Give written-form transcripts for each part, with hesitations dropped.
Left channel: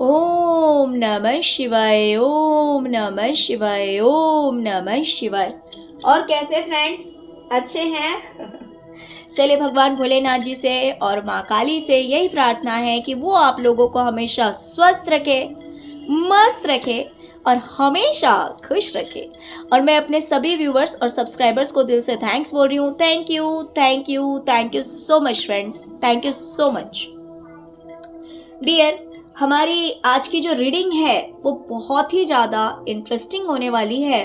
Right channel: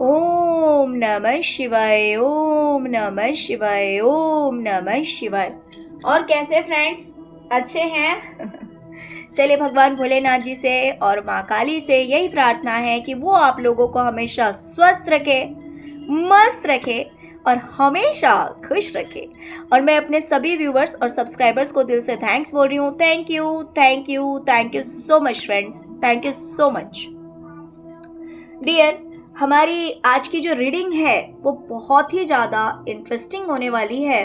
ओम नमः शिवाय, ओम नमः शिवाय, ओम नमः शिवाय। और कैसे फ्रेंड्स, अच्छे हैं? चलिए भगवान भोलेनाथ जी से और माँ काली से यही प्रार्थना है कि वो आप लोगों को हमेशा स्वस्थ रखे, मस्त रखे और हमेशा खुश रखे। और मैं अपने सभी व्यूवर्स और सब्सक्राइबर्स को दिल से थैंक्स बोल रही हूँ। Thank you, thank you, thank you so much friends, thank you so much dear. हमारी आज की जो रीडिंग है वो बहुत ही ज़्यादा इंटरेस्टिंग होने वाली है।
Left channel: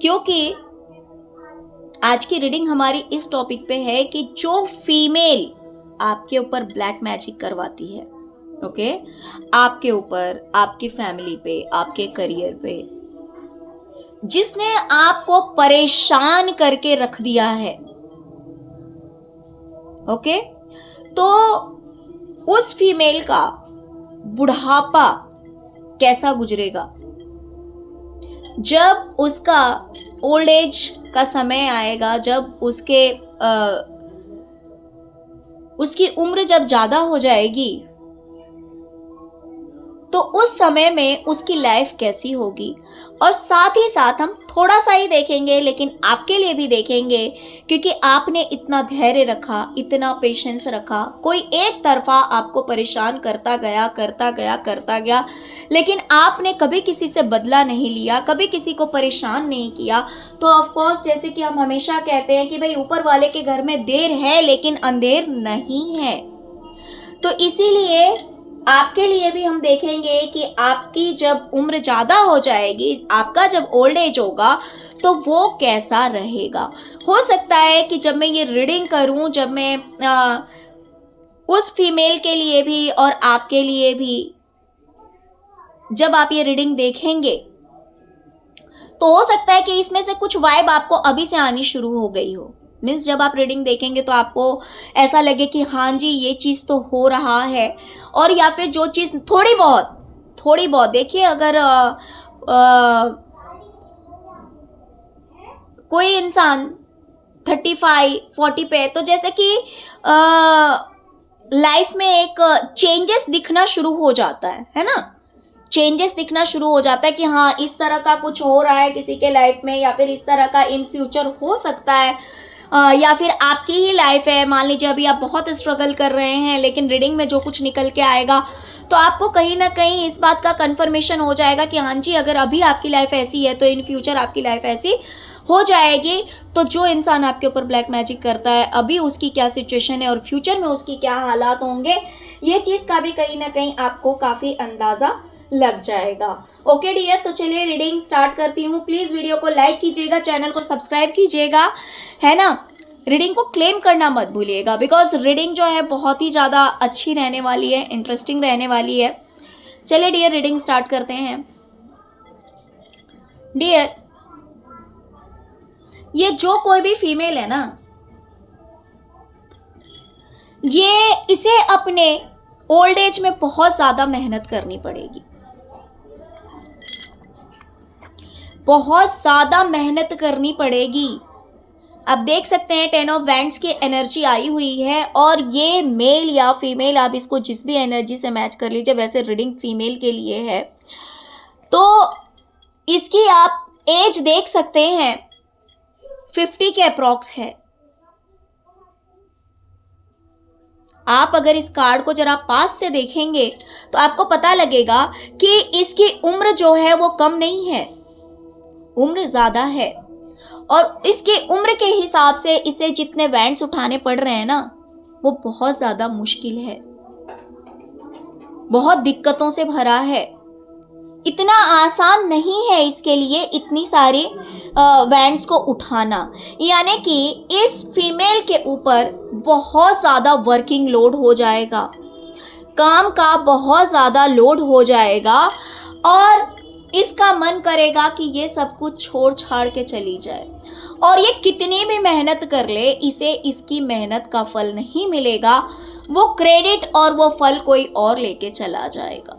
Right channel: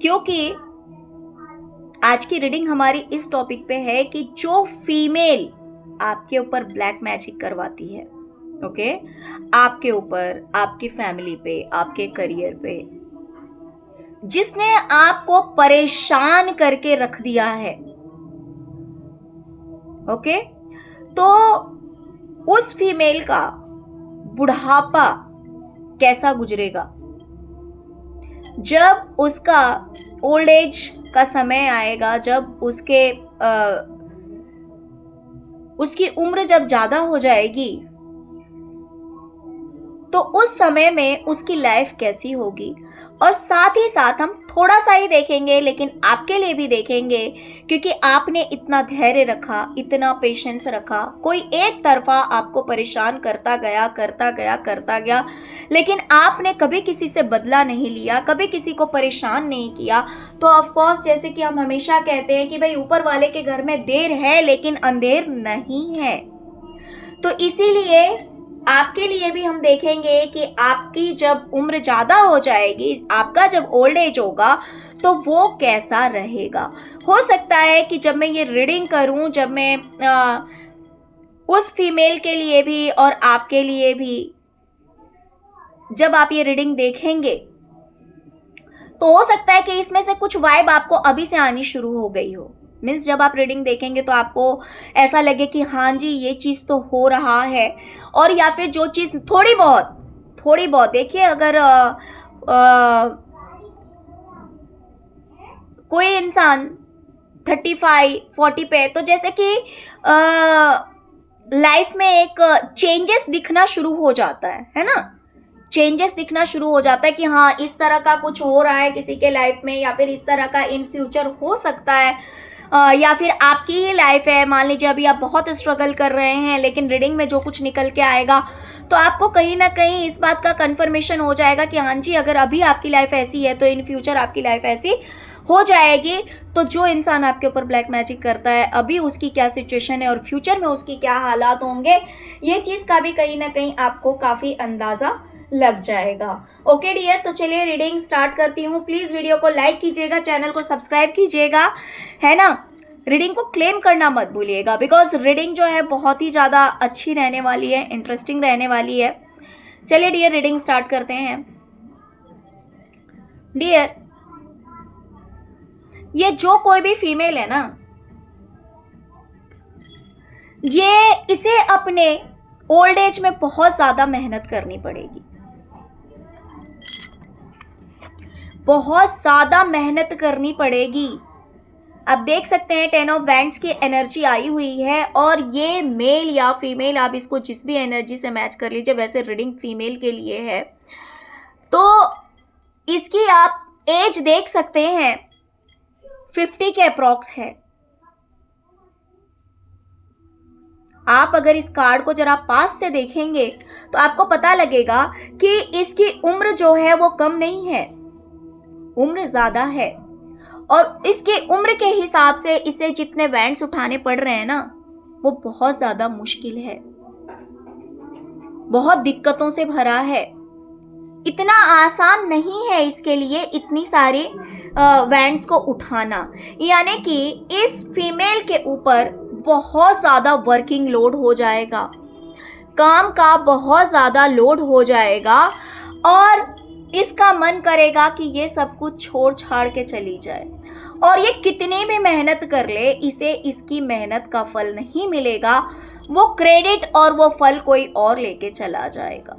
क्योंकि आज की रीडिंग हमारी इस टॉपिक पे है कि जो फीमेल आपके ऊपर ब्लैक मैजिक करवाती है, ओके, आपके ऊपर, आपकी फैमिली पे, आपके करियर पे, जिसने आपको परेशान करके रख दिया है, ओके, तो उस फीमेल का बुढ़ापा कैसा गुजरेगा जब उसका ओल्ड एज का समय आएगा, जब उसकी उम्र जब ज्यादा हो जाएगी, तो उस समय में उसकी लाइफ कैसी होगी। और साथ ही साथ हम थोड़ा सा ही देखेंगे लेकिन आपके लिए भी देखेंगे, क्योंकि आपने इतना धैर्य रखा, इतना पेशेंस रखा, कोई एक तरफा आपको परेशान करता गया करता गया करता गया, लेकिन आपने कभी किसी से बदला नहीं लिया, कभी किसी को परेशान नहीं किया। तो ऑफकोर्स जैसे कि हम हमेशा कहते हैं कि भाई ऊपर वाले के घर में देर है लेकिन अंधेर नहीं है। तो इसीलिए आपके लिए भी हम देखेंगे कि आपकी जब उम्र ज़्यादा हो जाएगी, आपका जब ओल्ड एज होगा, तो वो कैसा रहेगा। हो सकता है कि जब मैं ये रीडिंग करूं, जब मैं उस फीमेल के लिए भी और आपके लिए भी जब आप ये रीडिंग देखेंगे, तो हो सकता है कि इसमें से कुछ वाइब आपको अभी से आनी शुरू हो गई हो। मीन्स जब आप रीडिंग देखेंगे तो आपको ऐसा लगे कि हाँ जी ये चीज़ तो हो रहा है। और या फिर जो चीज़ थोड़ी बहुत देखिए, अगर कोई इंसान 35-40 पे, तो जैसे कि लाइफ में एक चेंजेस दिखना शुरू हो जाता है ना, चेंजेस दिखना शुरू हो जाता है कि हाँ इस तरह का कुछ हो रहा है किसी के लाइफ में, या फिर इस तरह का इन फ्यूचर हो सकता है। या फिर आपकी ही लाइफ है, मान लीजिए अभी आप बहुत स्ट्रगल कर रहे हैं, लेकिन रीडिंग में जो कुछ निकल के आएगा तो आपको कहीं ना कहीं इस बात का कंफर्मेशन हो जाएगा कि हाँ जी अगर अभी आपकी लाइफ ऐसी है तो इन फ्यूचर आपकी लाइफ ऐसी हो जाएगी। तो जो इंसान आपके ऊपर ब्लैक मैजिक करता है, अभी उसकी क्या सिचुएशन है और फ्यूचर में उसकी क्या हालात होंगे, ये चीज़ का भी कहीं ना कहीं आपको काफ़ी अंदाज़ा लग जाएगा। ओके डियर, तो चलिए रीडिंग स्टार्ट करती हूँ। प्लीज़ वीडियो को लाइक कीजिएगा, चैनल को सब्सक्राइब कीजिएगा, है ना। रीडिंग को क्लेम करना मत भूलिएगा, बिकॉज रीडिंग जो है बहुत ही ज़्यादा अच्छी रहने वाली है, इंटरेस्टिंग रहने वाली है। चलिए डियर रीडिंग स्टार्ट करते हैं। डियर, ये जो कोई भी फीमेल है ना, ये इसे अपने ओल्ड एज में बहुत ज़्यादा मेहनत करनी पड़ेगी, बहुत ज़्यादा मेहनत करनी पड़ेगी। आप देख सकते हैं 10 ऑफ वैंड्स की एनर्जी आई हुई है, और ये मेल या फीमेल, आप इसको जिस भी एनर्जी से मैच कर लीजिए, वैसे रीडिंग फीमेल के लिए है। तो इसकी आप एज देख सकते हैं 50 के अप्रॉक्स है। आप अगर इस कार्ड को जरा पास से देखेंगे तो आपको पता लगेगा कि इसकी उम्र जो है वो कम नहीं है, उम्र ज़्यादा है। और इसकी उम्र के हिसाब से इसे जितने वैंड्स उठाने पड़ रहे हैं ना, वो बहुत ज़्यादा मुश्किल है, बहुत दिक्कतों से भरा है। इतना आसान नहीं है इसके लिए इतनी सारी वैंड्स को उठाना। यानी कि इस फीमेल के ऊपर बहुत ज़्यादा वर्किंग लोड हो जाएगा, काम का बहुत ज़्यादा लोड हो जाएगा, और इसका मन करेगा कि ये सब कुछ छोड़ छाड़ के चली जाए। और ये कितनी भी मेहनत कर ले, इसे इसकी मेहनत का फल नहीं मिलेगा। वो क्रेडिट और वो फल कोई और लेके चला जाएगा।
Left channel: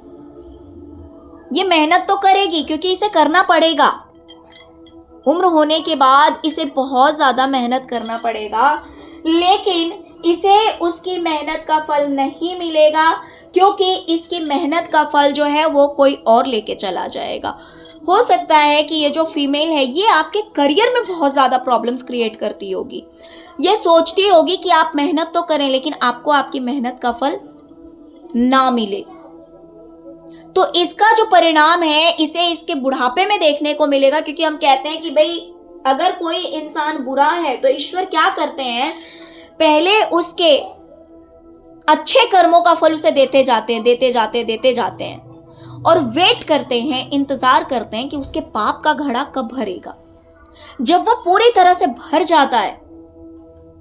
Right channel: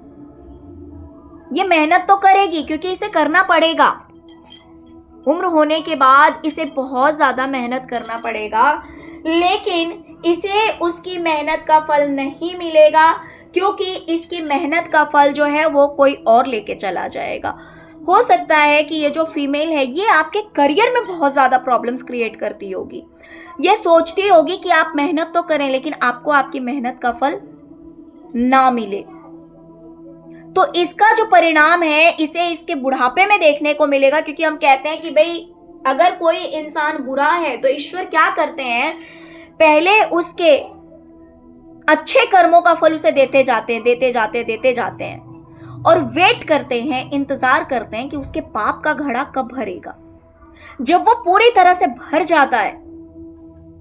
ये मेहनत तो करेगी क्योंकि इसे करना पड़ेगा, उम्र होने के बाद इसे बहुत ज़्यादा मेहनत करना पड़ेगा, लेकिन इसे उसकी मेहनत का फल नहीं मिलेगा, क्योंकि इसकी मेहनत का फल जो है वो कोई और लेके चला जाएगा। हो सकता है कि ये जो फीमेल है ये आपके करियर में बहुत ज़्यादा प्रॉब्लम्स क्रिएट करती होगी। ये सोचती होगी कि आप मेहनत तो करें लेकिन आपको आपकी मेहनत का फल ना मिले। तो इसका जो परिणाम है इसे इसके बुढ़ापे में देखने को मिलेगा, क्योंकि हम कहते हैं कि भाई अगर कोई इंसान बुरा है तो ईश्वर क्या करते हैं, पहले उसके अच्छे कर्मों का फल उसे देते जाते हैं और वेट करते हैं, इंतजार करते हैं कि उसके पाप का घड़ा कब भरेगा। जब वो पूरी तरह से भर जाता है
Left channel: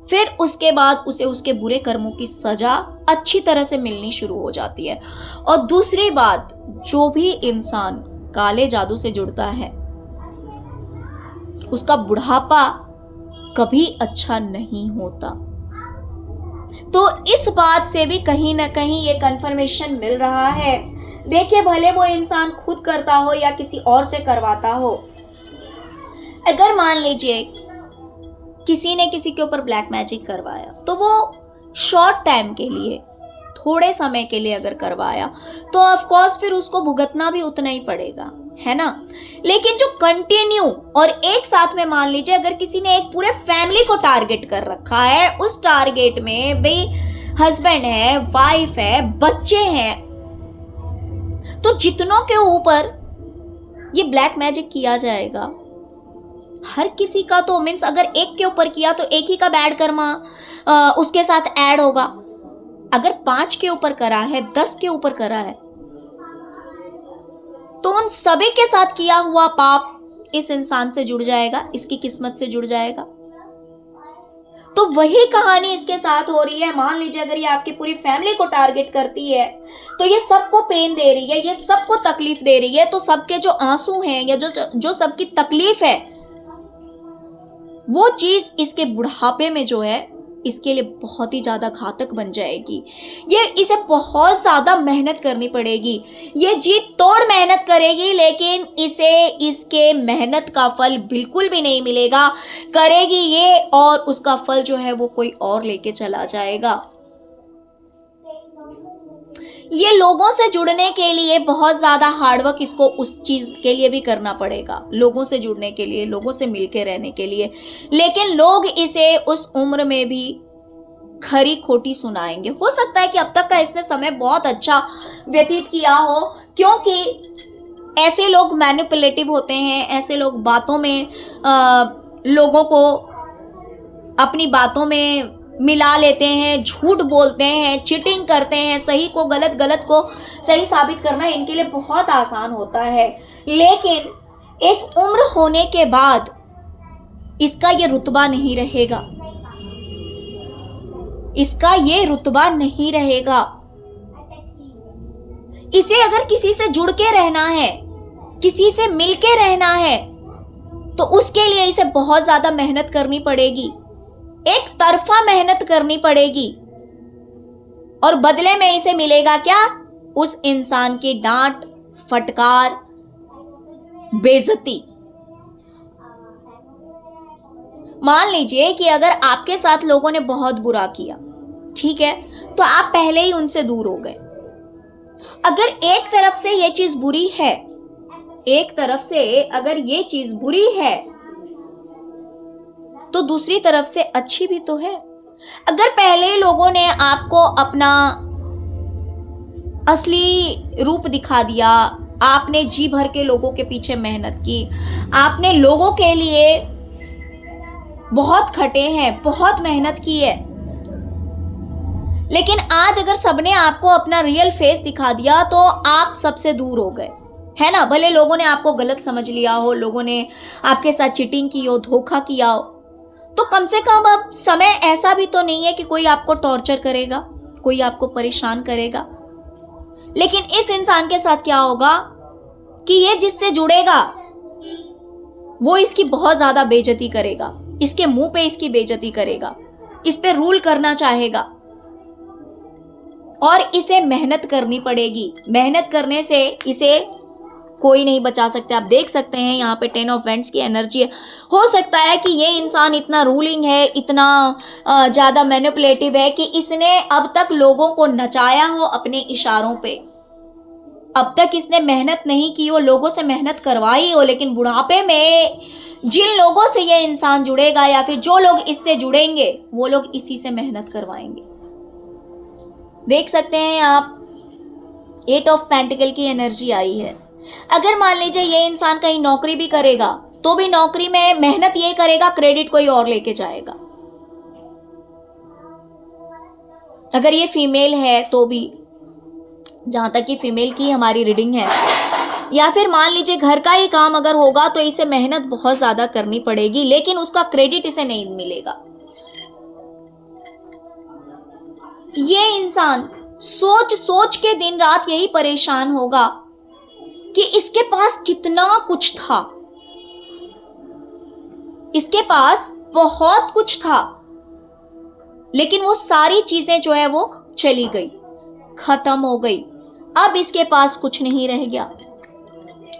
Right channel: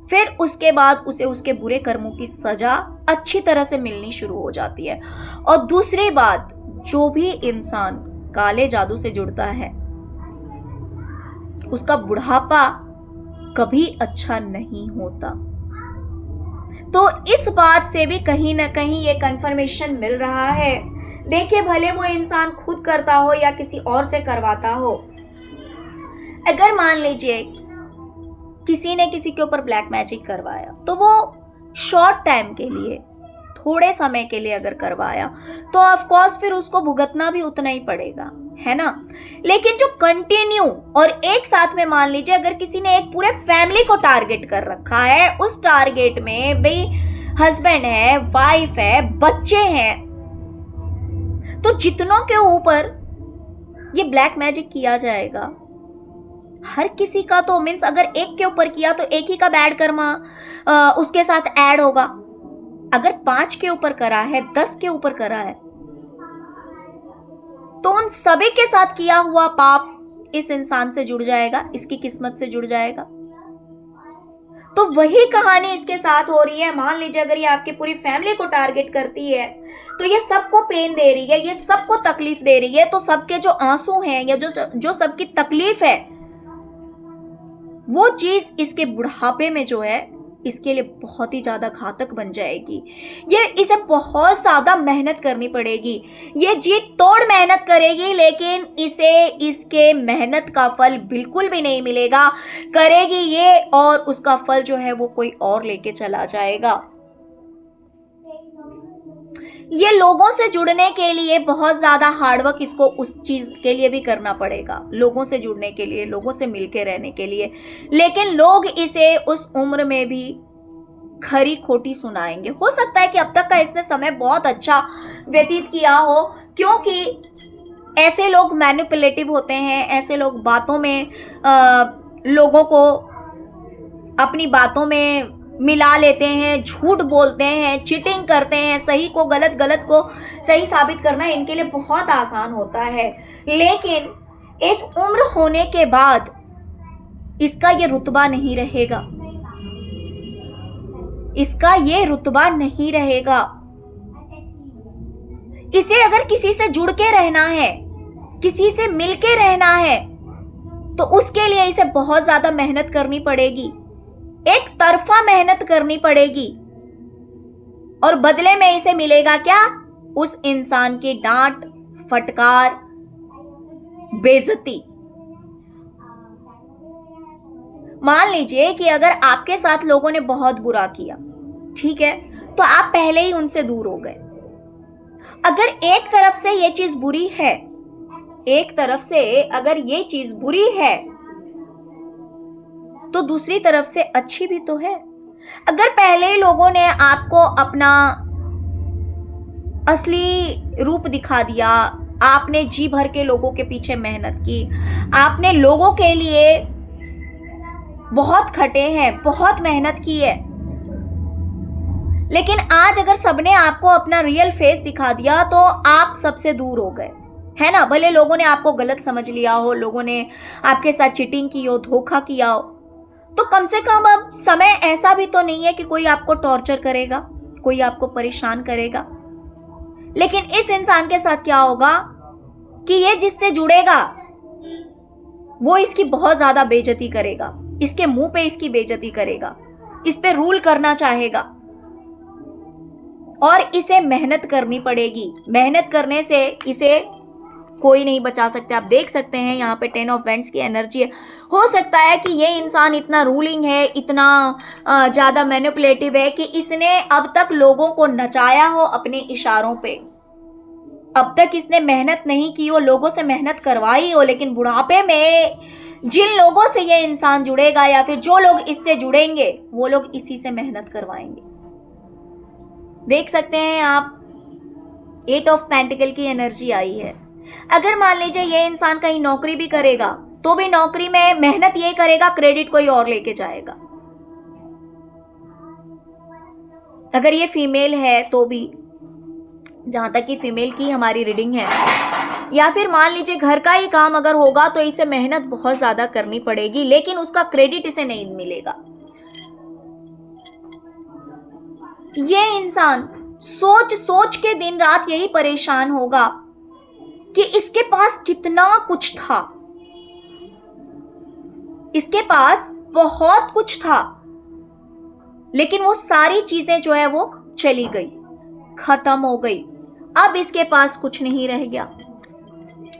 फिर उसके बाद उसे उसके बुरे कर्मों की सजा अच्छी तरह से मिलनी शुरू हो जाती है। और दूसरी बात, जो भी इंसान काले जादू से जुड़ता है उसका बुढ़ापा कभी अच्छा नहीं होता। तो इस बात से भी कहीं ना कहीं ये कंफर्मेशन मिल रहा है। देखिए, भले वो इंसान खुद करता हो या किसी और से करवाता हो, अगर मान लीजिए किसी ने किसी के ऊपर ब्लैक मैजिक करवाया तो वो शॉर्ट टाइम के लिए, थोड़े समय के लिए अगर करवाया तो ऑफ कोर्स फिर उसको भुगतना भी उतना ही पड़ेगा, है ना। लेकिन जो कंटिन्यू और एक साथ में, मान लीजिए अगर किसी ने एक पूरे फैमिली को टारगेट कर रखा है, उस टारगेट में भाई हस्बैंड है, वाइफ है, बच्चे हैं, तो जितनों के ऊपर ये ब्लैक मैजिक किया जाएगा, हर किसी का तो मीन्स अगर एक के ऊपर किया तो एक ही का बैड कर्मा उसके साथ ऐड होगा। अगर 5 के ऊपर करा है, 10 के ऊपर करा है, तो उन सभी के साथ किया हुआ पाप इस इंसान से जुड़ जाएगा, इसकी किस्मत से जुड़ जाएगा। तो वही कहानी इसके साथ हो रही है। मान लीजिए अगर ये आपकी पूरी फैमिली को टारगेट करती है तो ये सबको पेन दे रही है, ये सबको तकलीफ दे रही है, तो सबके जो आंसू हैं या जो सबकी तकलीफ है वो चीज इसके बुढ़ापे में जो है इसके लिए बहुत ही ज्यादा घातक बन जाएगी। ये इसे बहुत ज्यादा मेहनत करनी पड़ेगी, ये जी तोड़ मेहनत करेगी, लेकिन इसे इसके मेहनत का फल बिल्कुल भी नहीं मिलेगा। करेगी ये और उसका फल जो है वो कोई और लेके चला जाएगा। ये लोगों से जुड़ने के लिए बहुत ज़्यादा हार्डवर्क इसको उस चीज़ के लिए भी करना पड़ेगा, लोगों से जुड़ने के लिए, लोगों से मिलके रहने के लिए। लेकिन लोग इसे उस उम्र में भी खरी खोटी सुनाएंगे। हो सकता है कि अब तक का इसने समय बहुत अच्छा व्यतीत किया हो, क्योंकि ऐसे लोग मैनिपुलेटिव होते हैं, ऐसे लोग बातों में लोगों को अपनी बातों में मिला लेते हैं, झूठ बोलते हैं, चीटिंग करते हैं, सही को गलत, गलत को सही साबित करना इनके लिए बहुत आसान होता है। लेकिन एक उम्र होने के बाद इसका ये रुतबा नहीं रहेगा, इसका ये रुतबा नहीं रहेगा। इसे अगर किसी से जुड़ के रहना है, किसी से मिल के रहना है, तो उसके लिए इसे बहुत ज्यादा मेहनत करनी पड़ेगी, एक तरफा मेहनत करनी पड़ेगी। और बदले में इसे मिलेगा क्या? उस इंसान की डांट, फटकार, बेइज्जती। मान लीजिए कि अगर आपके साथ लोगों ने बहुत बुरा किया, ठीक है, तो आप पहले ही उनसे दूर हो गए। अगर एक तरफ से ये चीज बुरी है, एक तरफ से अगर ये चीज बुरी है तो दूसरी तरफ से अच्छी भी तो है। अगर पहले ही लोगों ने आपको अपना असली रूप दिखा दिया, आपने जी भर के लोगों के पीछे मेहनत की, आपने लोगों के लिए बहुत खटे हैं, बहुत मेहनत की है, लेकिन आज अगर सबने आपको अपना रियल फेस दिखा दिया तो आप सबसे दूर हो गए, है ना। भले लोगों ने आपको गलत समझ लिया हो, लोगों ने आपके साथ चीटिंग की हो, धोखा किया हो, तो कम से कम अब समय ऐसा भी तो नहीं है कि कोई आपको टॉर्चर करेगा, कोई आपको परेशान करेगा। लेकिन इस इंसान के साथ क्या होगा कि ये जिससे जुड़ेगा वो इसकी बहुत ज्यादा बेइज्जती करेगा, इसके मुंह पे इसकी बेइज्जती करेगा, इस पे रूल करना चाहेगा और इसे मेहनत करनी पड़ेगी। मेहनत करने से इसे कोई नहीं बचा सकते। आप देख सकते हैं यहाँ पे 10 ऑफ वेंट्स की एनर्जी है। हो सकता है कि ये इंसान इतना रूलिंग है, इतना ज़्यादा मैनिपुलेटिव है कि इसने अब तक लोगों को नचाया हो अपने इशारों पे। अब तक इसने मेहनत नहीं की हो, लोगों से मेहनत करवाई हो, लेकिन बुढ़ापे में जिन लोगों से ये इंसान जुड़ेगा या फिर जो लोग इससे जुड़ेंगे वो लोग इसी से मेहनत करवाएंगे। देख सकते हैं आप 8 ऑफ पेंटिकल की एनर्जी आई है। अगर मान लीजिए ये इंसान कहीं नौकरी भी करेगा तो भी नौकरी में मेहनत ये करेगा, क्रेडिट कोई और लेके जाएगा। अगर ये फीमेल है तो भी, जहां तक कि फीमेल की हमारी रीडिंग है, या फिर मान लीजिए घर का ही काम अगर होगा तो इसे मेहनत बहुत ज्यादा करनी पड़ेगी, लेकिन उसका क्रेडिट इसे नहीं मिलेगा। ये इंसान सोच सोच के दिन रात यही परेशान होगा कि इसके पास कितना कुछ था, इसके पास बहुत कुछ था, लेकिन वो सारी चीजें जो है वो चली गई, खत्म हो गई। अब इसके पास कुछ नहीं रह गया।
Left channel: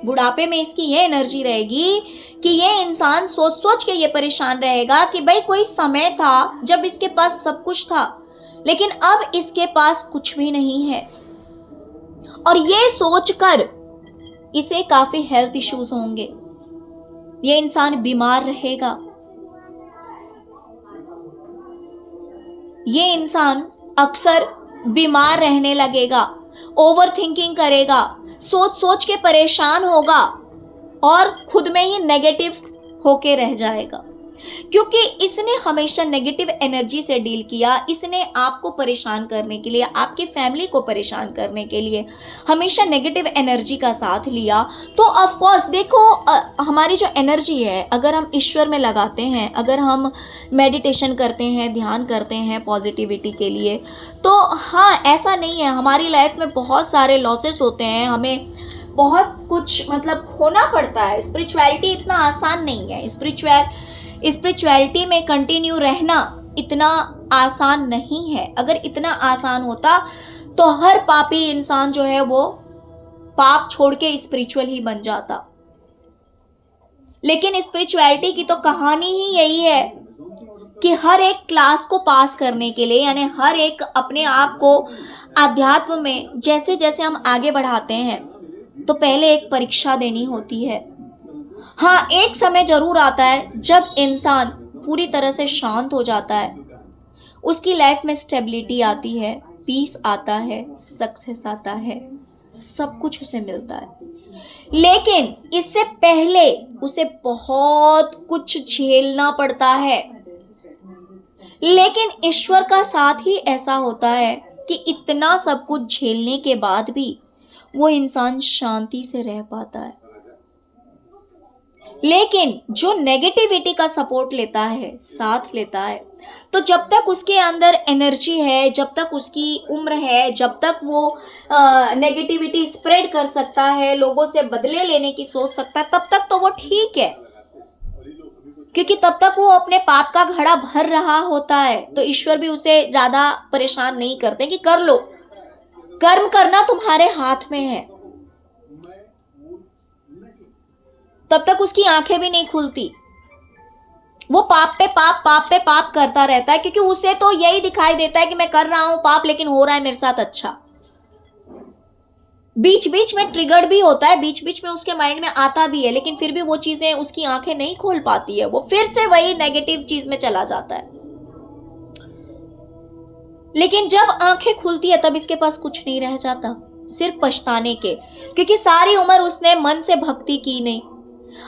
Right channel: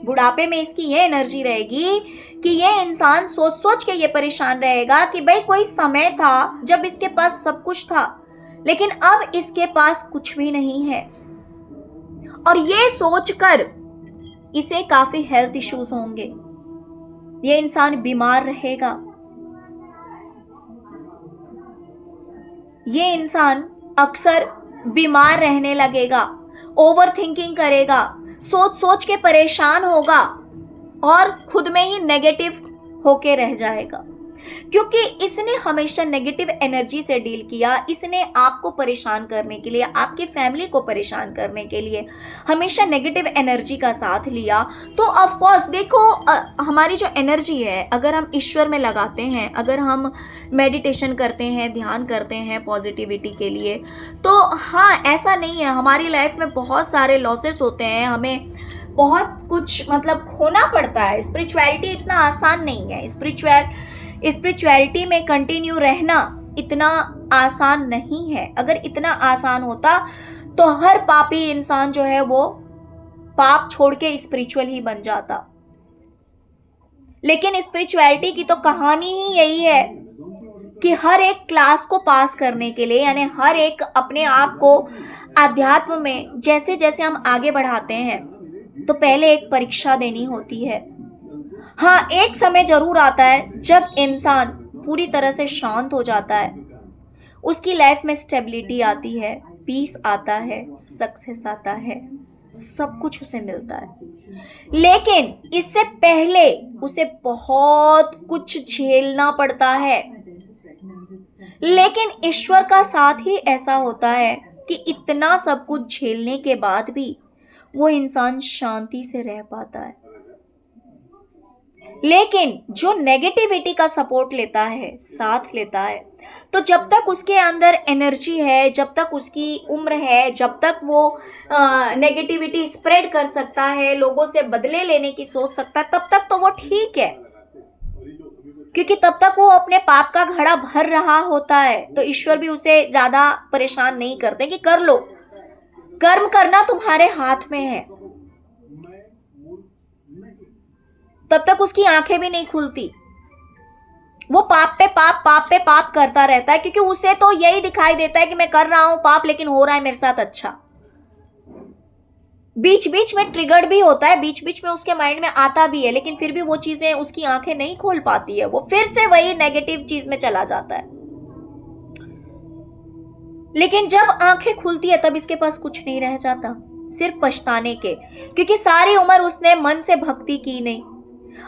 बुढ़ापे में इसकी ये एनर्जी रहेगी कि ये इंसान सोच सोच के ये परेशान रहेगा कि भाई कोई समय था जब इसके पास सब कुछ था, लेकिन अब इसके पास कुछ भी नहीं है। और ये सोचकर इसे काफी हेल्थ इश्यूज होंगे, ये इंसान बीमार रहेगा, ये इंसान अक्सर बीमार रहने लगेगा, ओवर थिंकिंग करेगा, सोच सोच के परेशान होगा और खुद में ही नेगेटिव होके रह जाएगा, क्योंकि इसने हमेशा नेगेटिव एनर्जी से डील किया। इसने आपको परेशान करने के लिए, आपकी फैमिली को परेशान करने के लिए हमेशा नेगेटिव एनर्जी का साथ लिया। तो ऑफ कोर्स देखो, हमारी जो एनर्जी है अगर हम ईश्वर में लगाते हैं, अगर हम मेडिटेशन करते हैं, ध्यान करते हैं पॉजिटिविटी के लिए, तो हाँ, ऐसा नहीं है, हमारी लाइफ में बहुत सारे लॉसेस होते हैं, हमें बहुत कुछ मतलब खोना पड़ता है। स्पिरिचुअलिटी इतना आसान नहीं है। स्पिरिचुअलिटी में कंटिन्यू रहना इतना आसान नहीं है। अगर इतना आसान होता तो हर पापी इंसान जो है वो पाप छोड़ के स्पिरिचुअल ही बन जाता। लेकिन स्पिरिचुअलिटी की तो कहानी ही यही है कि हर एक क्लास को पास करने के लिए, यानी हर एक अपने आप को आध्यात्म में जैसे जैसे हम आगे बढ़ाते हैं तो पहले एक परीक्षा देनी होती है। हाँ, एक समय जरूर आता है जब इंसान पूरी तरह से शांत हो जाता है, उसकी लाइफ में स्टेबिलिटी आती है, पीस आता है, सक्सेस आता है, सब कुछ उसे मिलता है। लेकिन इससे पहले उसे बहुत कुछ झेलना पड़ता है। लेकिन ईश्वर का साथ ही ऐसा होता है कि इतना सब कुछ झेलने के बाद भी वो इंसान शांति से रह पाता है। लेकिन जो नेगेटिविटी का सपोर्ट लेता है, साथ लेता है, तो जब तक उसके अंदर एनर्जी है, जब तक उसकी उम्र है, जब तक वो नेगेटिविटी स्प्रेड कर सकता है, लोगों से बदले लेने की सोच सकता है, तब तक तो वो ठीक है, क्योंकि तब तक वो अपने पाप का घड़ा भर रहा होता है। तो ईश्वर भी उसे ज्यादा परेशान नहीं करते कि कर लो, कर्म करना तुम्हारे हाथ में है। तब तक उसकी आंखें भी नहीं खुलती, वो पाप पे पाप करता रहता है, क्योंकि उसे तो यही दिखाई देता है कि मैं कर रहा हूं पाप, लेकिन हो रहा है मेरे साथ अच्छा। बीच बीच में ट्रिगर्ड भी होता है, बीच बीच में उसके माइंड में आता भी है, लेकिन फिर भी वो चीजें उसकी आंखें नहीं खोल पाती है, वो फिर से वही नेगेटिव चीज में चला जाता है। लेकिन जब आंखें खुलती है तब इसके पास कुछ नहीं रह जाता, सिर्फ पछताने के, क्योंकि सारी उम्र उसने मन से भक्ति की नहीं।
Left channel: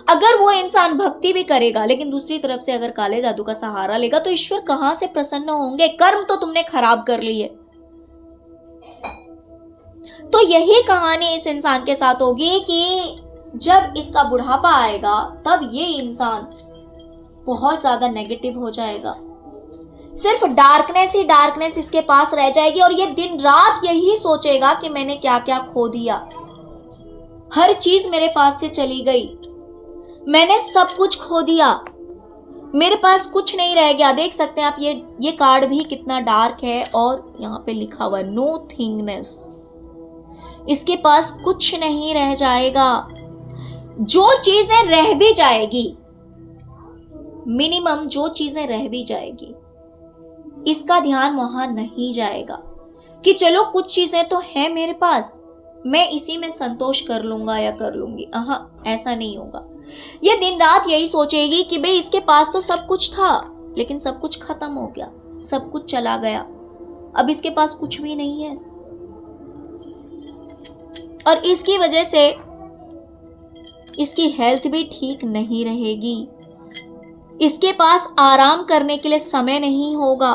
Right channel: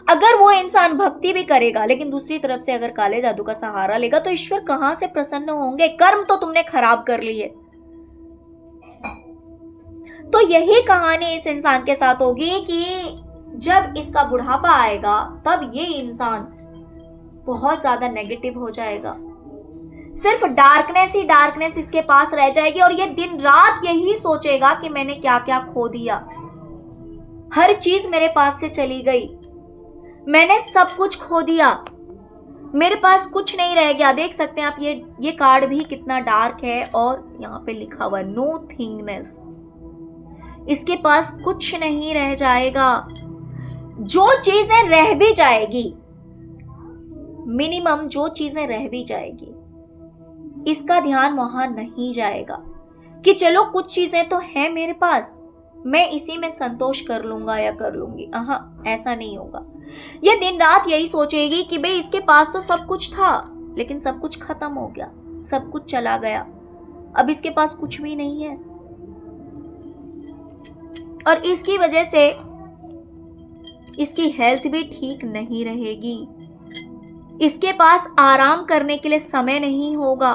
अगर वो इंसान भक्ति भी करेगा लेकिन दूसरी तरफ से अगर काले जादू का सहारा लेगा तो ईश्वर कहां से प्रसन्न होंगे? कर्म तो तुमने खराब कर ली है। तो यही कहानी इस इंसान के साथ होगी कि जब इसका बुढ़ापा आएगा तब ये इंसान बहुत ज्यादा नेगेटिव हो जाएगा, सिर्फ डार्कनेस ही डार्कनेस इसके पास रह जाएगी, और ये दिन रात यही सोचेगा कि मैंने क्या क्या खो दिया, हर चीज मेरे पास से चली गई, मैंने सब कुछ खो दिया, मेरे पास कुछ नहीं रह गया। देख सकते हैं आप ये कार्ड भी कितना डार्क है, और यहाँ पे लिखा हुआ नो थिंगनेस, इसके पास कुछ नहीं रह जाएगा। जो चीजें रह भी जाएगी, मिनिमम जो चीजें रह भी जाएगी, इसका ध्यान वहां नहीं जाएगा कि चलो कुछ चीजें तो हैं मेरे पास, मैं इसी में संतोष कर लूंगा या कर लूंगी। ऐसा नहीं होगा। ये दिन रात यही सोचेगी कि भाई इसके पास तो सब कुछ था, लेकिन सब कुछ खत्म हो गया, सब कुछ चला गया, अब इसके पास कुछ भी नहीं है। और इसकी वजह से इसकी हेल्थ भी ठीक नहीं रहेगी, इसके पास आराम करने के लिए समय नहीं होगा,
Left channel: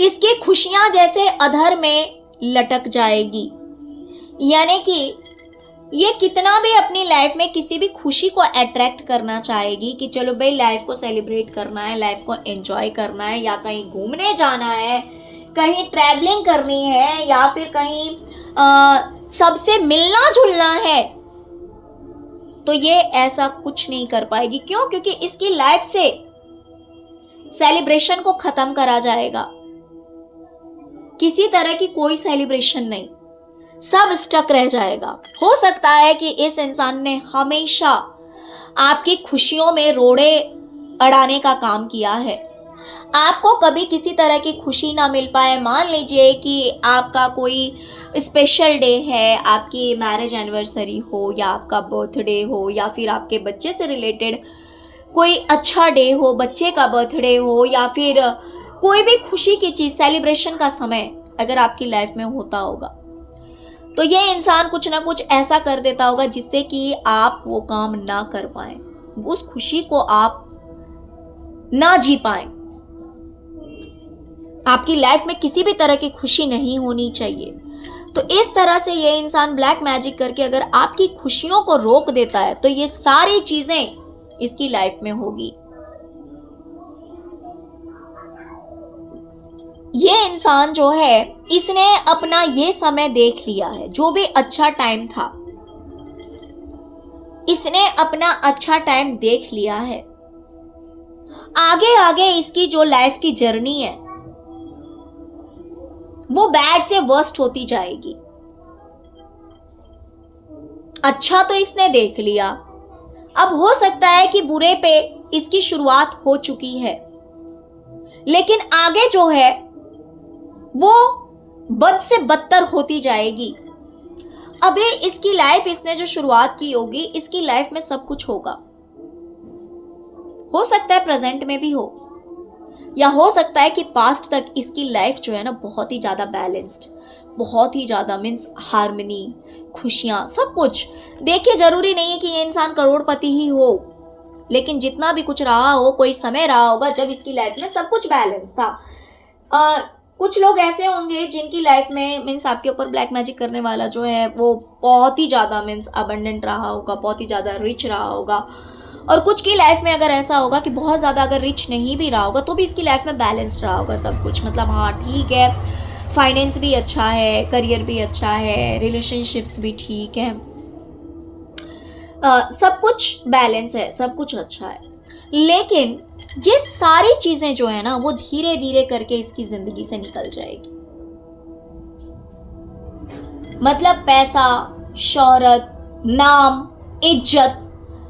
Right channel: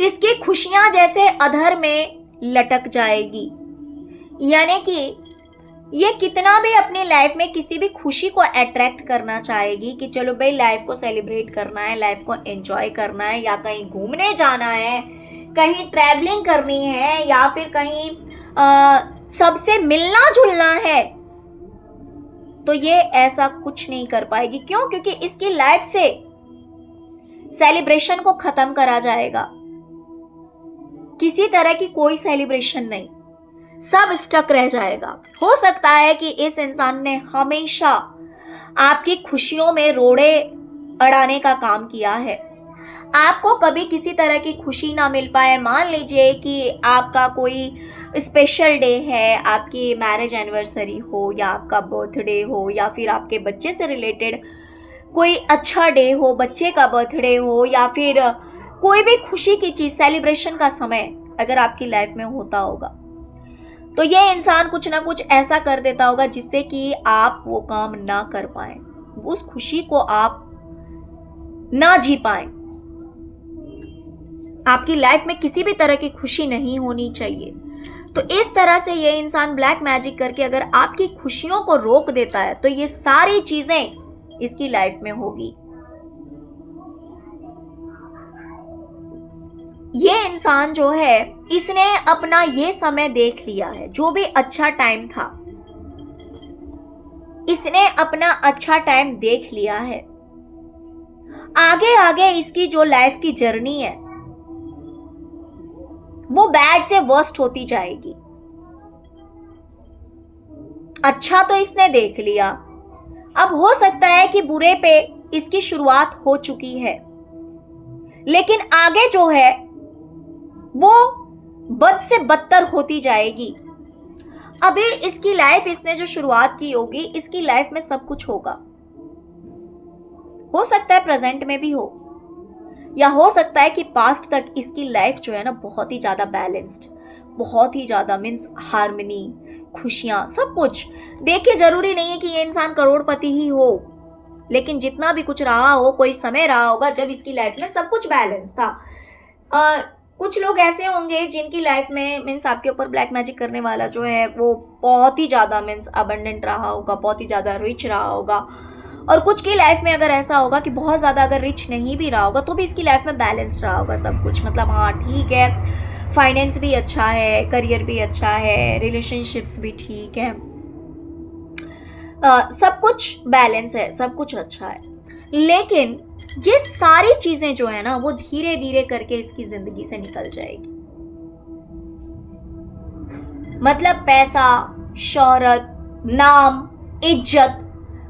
इसकी खुशियां जैसे अधर में लटक जाएगी। यानी कि ये कितना भी अपनी लाइफ में किसी भी खुशी को अट्रैक्ट करना चाहेगी कि चलो भाई लाइफ को सेलिब्रेट करना है, लाइफ को एंजॉय करना है, या कहीं घूमने जाना है, कहीं ट्रैवलिंग करनी है, या फिर कहीं सबसे मिलना जुलना है, तो ये ऐसा कुछ नहीं कर पाएगी। क्यों? क्योंकि इसकी लाइफ से सेलिब्रेशन को खत्म करा जाएगा। किसी तरह की कोई सेलिब्रेशन नहीं, सब स्टक रह जाएगा। हो सकता है कि इस इंसान ने हमेशा आपकी खुशियों में रोड़े अड़ाने का काम किया है, आपको कभी किसी तरह की खुशी ना मिल पाए। मान लीजिए कि आपका कोई स्पेशल डे है, आपकी मैरिज एनिवर्सरी हो, या आपका बर्थडे हो, या फिर आपके बच्चे से रिलेटेड कोई अच्छा डे हो, बच्चे का बर्थडे हो, या फिर कोई भी खुशी की चीज, सेलिब्रेशन का समय अगर आपकी लाइफ में होता होगा, तो ये इंसान कुछ ना कुछ ऐसा कर देता होगा जिससे कि आप वो काम ना कर पाए, उस खुशी को आप ना जी पाए। आपकी लाइफ में किसी भी तरह की खुशी नहीं होनी चाहिए। तो इस तरह से ये इंसान ब्लैक मैजिक करके अगर आपकी खुशियों को रोक देता है, तो ये सारी चीजें इसकी लाइफ में होगी। ये इंसान जो है, इसने अपना ये समय देख लिया है, जो भी अच्छा टाइम था, इसने अपना अच्छा टाइम देख लिया है। आगे आगे इसकी जो लाइफ की जर्नी है वो बैड से वर्स्ट होती जाएगी। अच्छा तो इसने देख लिया, अब हो सकता है कि बुरे पे इसकी शुरुआत हो चुकी है, लेकिन आगे जो है वो बद से बदतर होती जाएगी। अभी इसकी लाइफ, इसने जो शुरुआत की होगी, इसकी लाइफ में सब कुछ होगा। हो सकता है प्रेजेंट में भी हो, या हो सकता है कि पास्ट तक इसकी लाइफ जो है ना बहुत ही ज्यादा बैलेंस्ड, बहुत ही ज्यादा मीन्स हार्मनी, खुशियां, सब कुछ। देखिए जरूरी नहीं है कि ये इंसान करोड़पति ही हो, लेकिन जितना भी कुछ रहा हो, कोई समय रहा होगा जब इसकी लाइफ में सब कुछ बैलेंस था। कुछ लोग ऐसे होंगे जिनकी लाइफ में मीन्स आपके ऊपर ब्लैक मैजिक करने वाला जो है वो बहुत ही ज़्यादा मीन्स अबंडेंट रहा होगा, बहुत ही ज़्यादा रिच रहा होगा। और कुछ की लाइफ में अगर ऐसा होगा कि बहुत ज़्यादा अगर रिच नहीं भी रहा होगा तो भी इसकी लाइफ में बैलेंस्ड रहा होगा सब कुछ। मतलब हाँ ठीक है, फाइनेंस भी अच्छा है, करियर भी अच्छा है, रिलेशनशिप्स भी ठीक है, सब कुछ बैलेंस है, सब कुछ अच्छा है। लेकिन ये सारी चीजें जो है ना वो धीरे धीरे करके इसकी जिंदगी से निकल जाएगी। मतलब पैसा, शोहरत, नाम, इज्जत,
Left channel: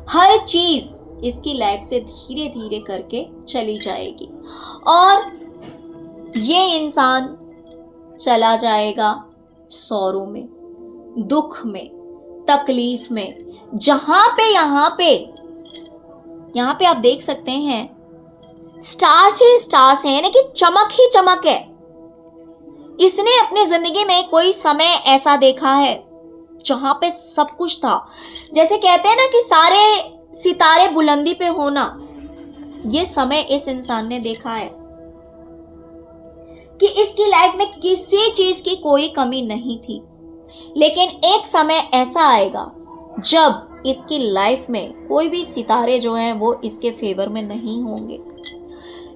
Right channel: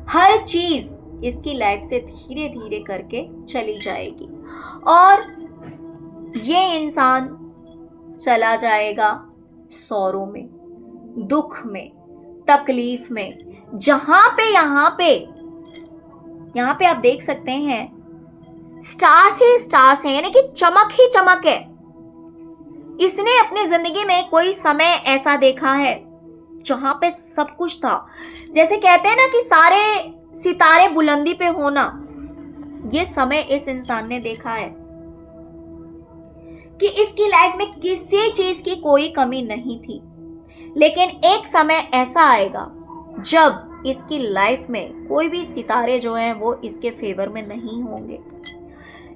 हर चीज इसकी लाइफ से धीरे धीरे करके चली जाएगी और ये इंसान चला जाएगा सौरों में, दुख में, तकलीफ में। जहां पे यहां पे आप देख सकते हैं स्टार्स ही स्टार्स हैं, यानी कि चमक ही चमक है। इसने अपनी जिंदगी में कोई समय ऐसा देखा है जहां पे सब कुछ था। जैसे कहते हैं ना कि सारे सितारे बुलंदी पे होना, ये समय इस इंसान ने देखा है कि इसकी लाइफ में किसी चीज की कोई कमी नहीं थी। लेकिन एक समय ऐसा आएगा जब इसकी लाइफ में कोई भी सितारे जो हैं वो इसके फेवर में नहीं होंगे,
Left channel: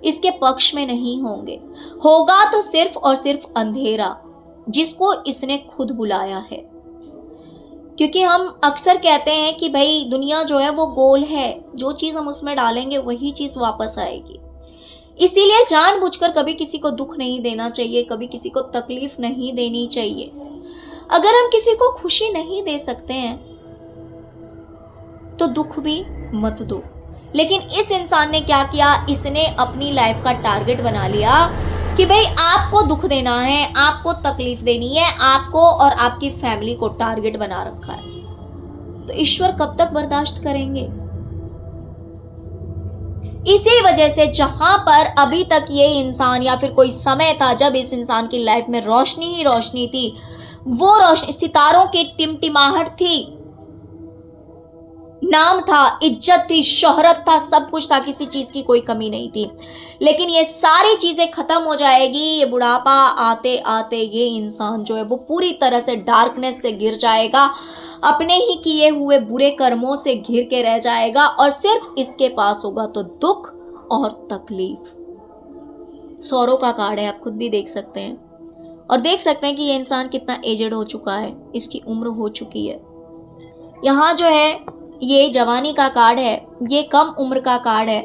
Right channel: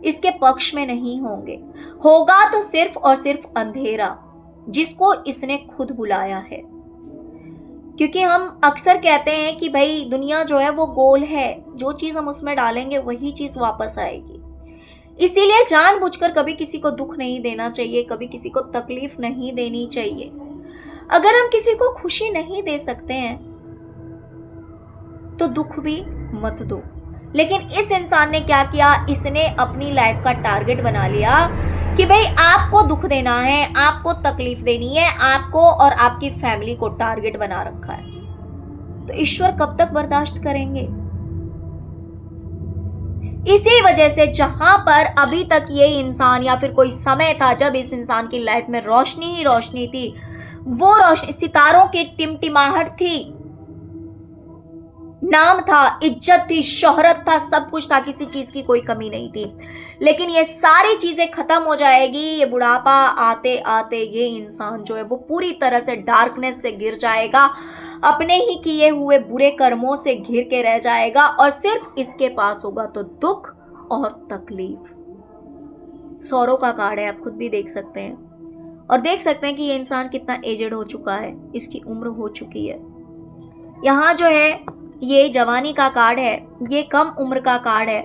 इसके पक्ष में नहीं होंगे। होगा तो सिर्फ और सिर्फ अंधेरा, जिसको इसने खुद बुलाया है। क्योंकि हम अक्सर कहते हैं कि भाई दुनिया जो है वो गोल है, जो चीज़ हम उसमें डालेंगे वही चीज़ वापस आएगी। इसीलिए जानबूझकर कभी किसी को दुख नहीं देना चाहिए, कभी किसी को तकलीफ नहीं देनी चाहिए। अगर हम किसी को खुशी नहीं दे सकते हैं तो दुख भी मत दो। लेकिन इस इंसान ने क्या किया, इसने अपनी लाइफ का टारगेट बना लिया कि भाई आपको दुख देना है, आपको तकलीफ देनी है, आपको और आपकी फैमिली को टारगेट बना रखा है। तो ईश्वर कब तक बर्दाश्त करेंगे? इसी वजह से जहां पर अभी तक ये इंसान या फिर कोई समय था जब इस इंसान की लाइफ में रोशनी ही रोशनी थी, वो रोशनी सितारों की टिमटिमाहट थी, नाम था, इज्जत थी, शोहरत था, सब कुछ था, किसी चीज की कोई कमी नहीं थी। लेकिन ये सारी चीजें खत्म हो जाएगी, ये बुढ़ापा आते आते ये इंसान जो है वो पूरी तरह से डार्कनेस से घिर जाएगा, अपने ही किए हुए बुरे कर्मों से घिर के रह जाएगा और सिर्फ इसके पास होगा तो दुख और तकलीफ। सौरों का कार्ड है, आप खुद भी देख सकते हैं और देख सकते हैं कि ये इंसान कितना एजेड हो चुका है, इसकी उम्र हो चुकी है। यहाँ जो है ये जवानी का कार्ड है, ये कम उम्र का कार्ड है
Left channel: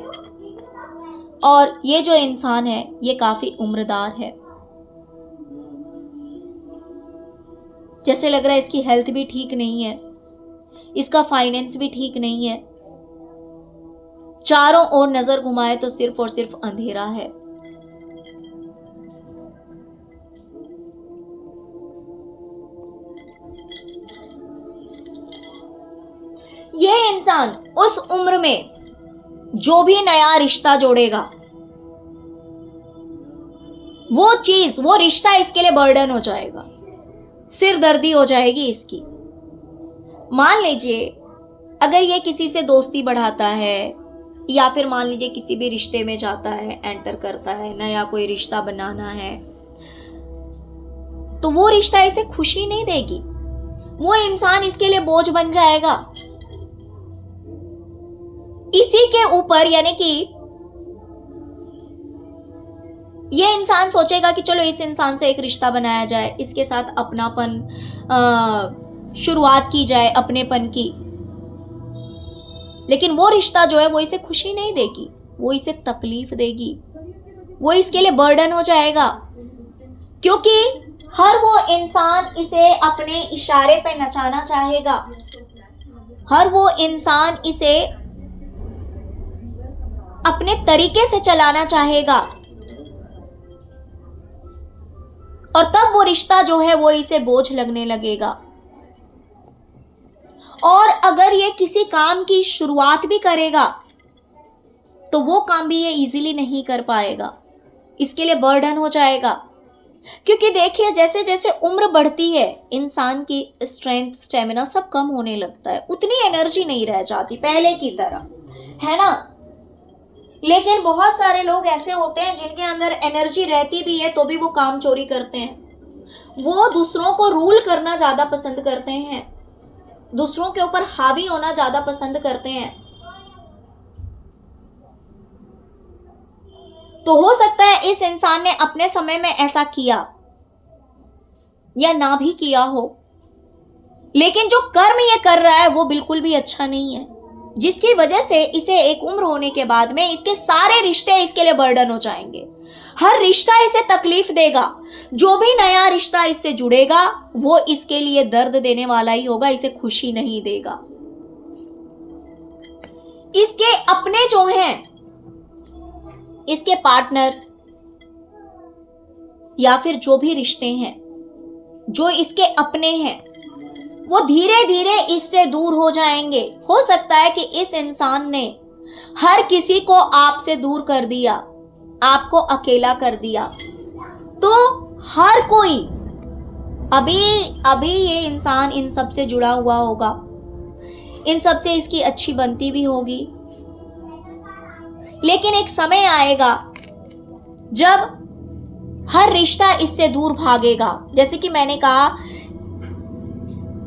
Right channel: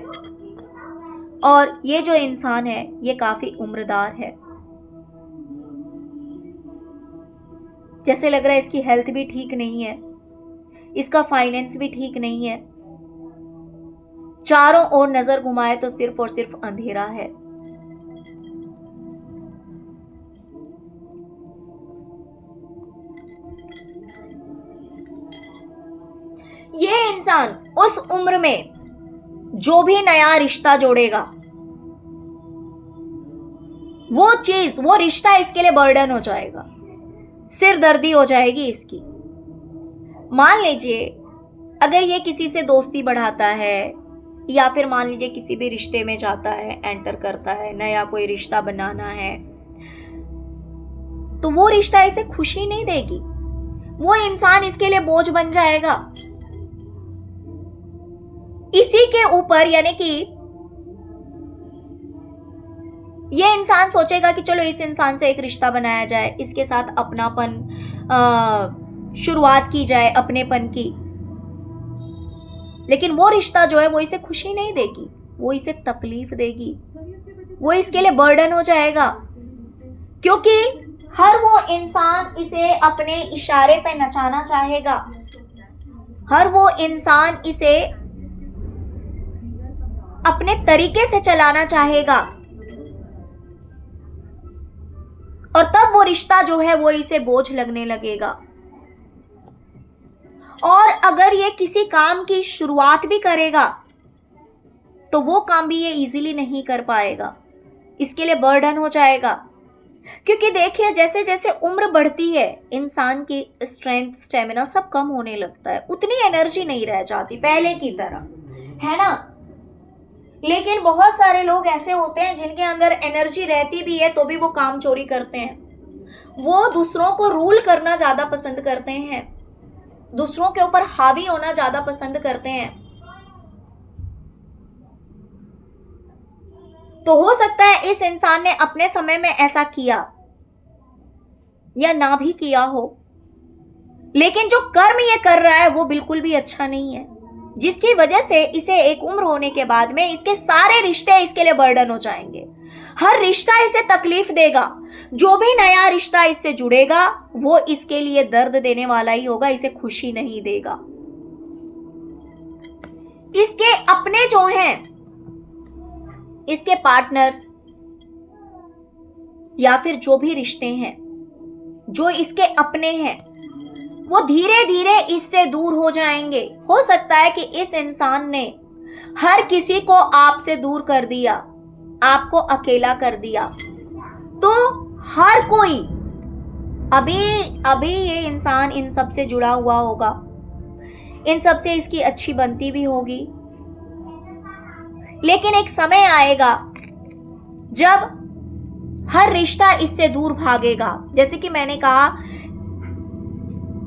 और ये जो इंसान है ये काफी उम्रदार है। जैसे लग रहा है इसकी हेल्थ भी ठीक नहीं है, इसका फाइनेंस भी ठीक नहीं है, चारों ओर नजर घुमाए तो सिर्फ और सिर्फ अंधेरा है। यह इंसान उस उम्र में जो भी नया रिश्ता जोड़ेगा, वो चीज, वो रिश्ता इसके लिए बर्डन हो जाएगा, सिरदर्दी हो जाएगी इसकी। मान लीजिए अगर ये किसी से दोस्ती बढ़ाता है या फिर मान लीजिए किसी भी रिश्ते में जाता है, एंटर करता है, नया कोई रिश्ता बनाना है, तो वो रिश्ता इसे खुशी नहीं देगी, वो इंसान इसके लिए बोझ बन जाएगा। इसी के ऊपर यानी कि ये इंसान सोचेगा कि चलो इस इंसान से एक रिश्ता बनाया जाए, इसके साथ अपनापन शुरुआत की जाए, अपनेपन की। लेकिन वो रिश्ता जो है वो इसे खुशी नहीं देगी, वो इसे तकलीफ देगी, वो इसके लिए बर्डन हो जाएगा, क्योंकि हर वो इंसान इसे अपने इशारे पे नचाना चाहेगा, हर वो इंसान इसे अपने तरीके से चलाना चाहेगा और तब वो रिश्ता जो है वो इसे बोझ लगने लगेगा। और अगर ये किसी काम की शुरुआत भी करेगा तो वो काम भी ये इजीली नहीं कर पाएगा, इसके लिए बर्डन हो जाएगा। क्योंकि देखिए जैसे जैसे उम्र बढ़ती है इंसान की स्ट्रेंथ, स्टेमिना सब कम होने लगता है, उतनी एनर्जी नहीं रह जाती पहले की तरह, है ना। लेकिन बहुत सारे लोग ऐसे होते हैं जिनके अंदर एनर्जी रहती भी है तो भी वो काम चोरी करते हैं, वो दूसरों को रूल करना ज्यादा पसंद करते हैं, दूसरों के ऊपर हावी होना ज्यादा पसंद करते हैं। तो हो सकता है इस इंसान ने अपने समय में ऐसा किया या ना भी किया हो, लेकिन जो कर्म ये कर रहा है वो बिल्कुल भी अच्छा नहीं है, जिसकी वजह से इसे एक उम्र होने के बाद में इसके सारे रिश्ते इसके लिए बर्डन हो जाएंगे। हर रिश्ता इसे तकलीफ देगा, जो भी नया रिश्ता इससे जुड़ेगा वो इसके लिए दर्द देने वाला ही होगा, इसे खुशी नहीं देगा। इसके अपने जो हैं, इसके पार्टनर या फिर जो भी रिश्ते हैं जो इसके अपने हैं, वो धीरे धीरे इससे दूर हो जाएंगे। हो सकता है कि इस इंसान ने हर किसी को आपसे दूर कर दिया, आपको अकेला कर दिया, तो हर कोई अभी ये इंसान इन सब से जुड़ा हुआ होगा, इन सब से इसकी अच्छी बनती भी होगी। लेकिन एक समय आएगा जब हर रिश्ता इससे दूर भागेगा। जैसे कि मैंने कहा,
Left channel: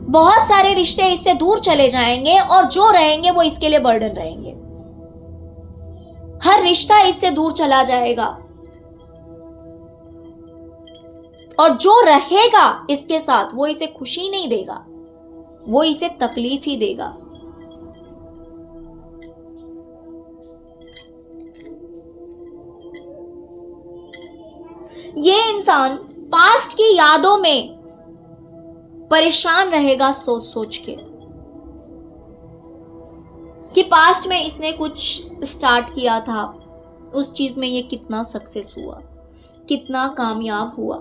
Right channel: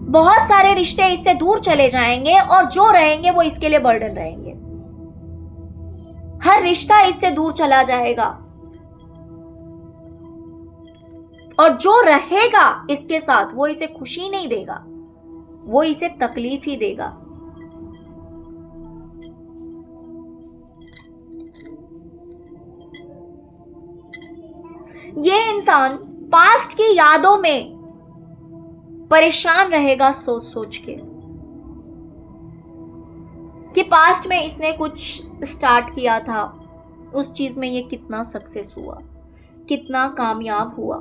बहुत सारे रिश्ते इससे दूर चले जाएंगे और जो रहेंगे वो इसके लिए बर्डन रहेंगे। हर रिश्ता इससे दूर चला जाएगा और जो रहेगा इसके साथ वो इसे खुशी नहीं देगा, वो इसे तकलीफ ही देगा। ये इंसान पास्ट की यादों में परेशान रहेगा सोच सोच के कि पास्ट में इसने कुछ स्टार्ट किया था, उस चीज में ये कितना सक्सेस हुआ, कितना कामयाब हुआ।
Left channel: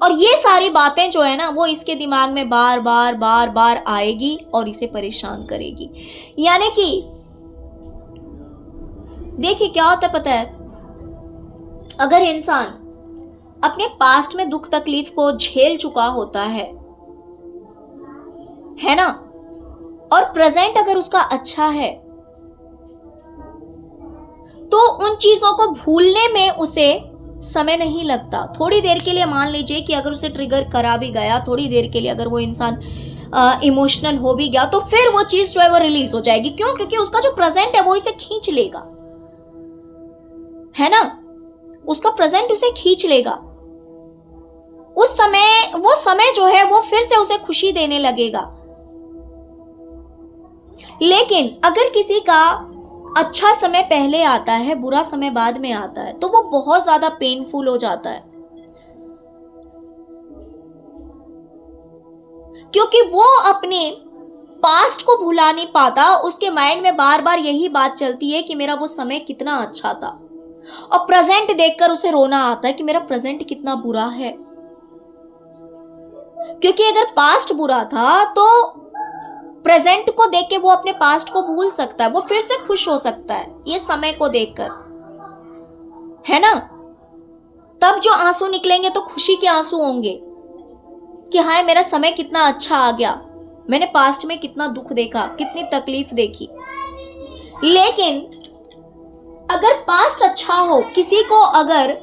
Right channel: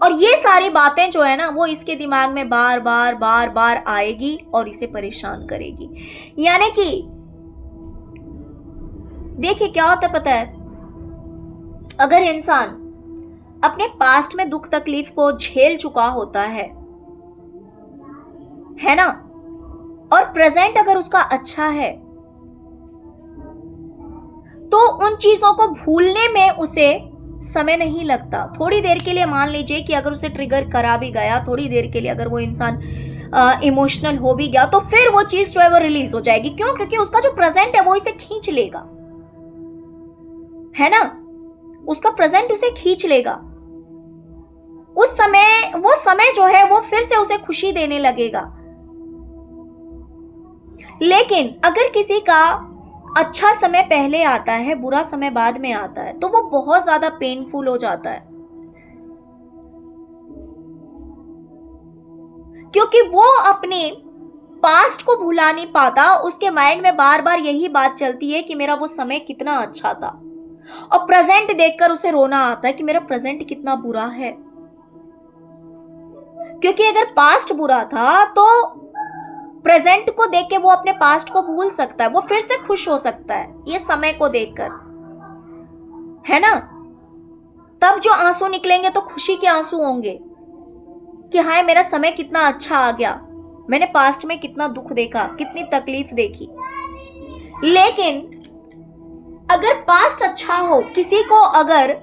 और ये सारी बातें जो है ना, वो इसके दिमाग में बार बार बार बार आएगी और इसे परेशान करेगी। यानी कि देखिए क्या होता है पता है, अगर इंसान अपने पास्ट में दुख तकलीफ को झेल चुका होता है ना, और प्रेजेंट अगर उसका अच्छा है, तो उन चीजों को भूलने में उसे समय नहीं लगता। थोड़ी देर के लिए मान लीजिए कि अगर उसे ट्रिगर करा भी गया, थोड़ी देर के लिए अगर वो इंसान इमोशनल हो भी गया, तो फिर वो चीज जो है वो रिलीज हो जाएगी। क्यों? क्योंकि उसका जो प्रेजेंट है वो इसे खींच लेगा, है ना, उसका प्रेजेंट उसे खींच लेगा। उस समय, वो समय जो है वो फिर से उसे खुशी देने लगेगा। लेकिन अगर किसी का अच्छा समय पहले आता है, बुरा समय बाद में आता है, तो वो बहुत ज्यादा पेनफुल हो जाता है, क्योंकि वो अपने पास्ट को भुला नहीं पाता। उसके माइंड में बार बार यही बात चलती है कि मेरा वो समय कितना अच्छा था, और प्रेजेंट देखकर उसे रोना आता है कि मेरा प्रेजेंट कितना बुरा है। क्योंकि अगर पास्ट बुरा था तो प्रेजेंट को देख के वो अपने पास्ट को भूल सकता है, वो फिर से खुश हो सकता है ये समय को देखकर, है ना। तब जो आंसू निकलेंगे तो खुशी के आंसू होंगे कि हाय मेरा समय कितना अच्छा आ गया, मैंने पास्ट में कितना दुख देखा, कितनी तकलीफ देखी। लेकिन अगर पास्ट अच्छा हो, किसी को अगर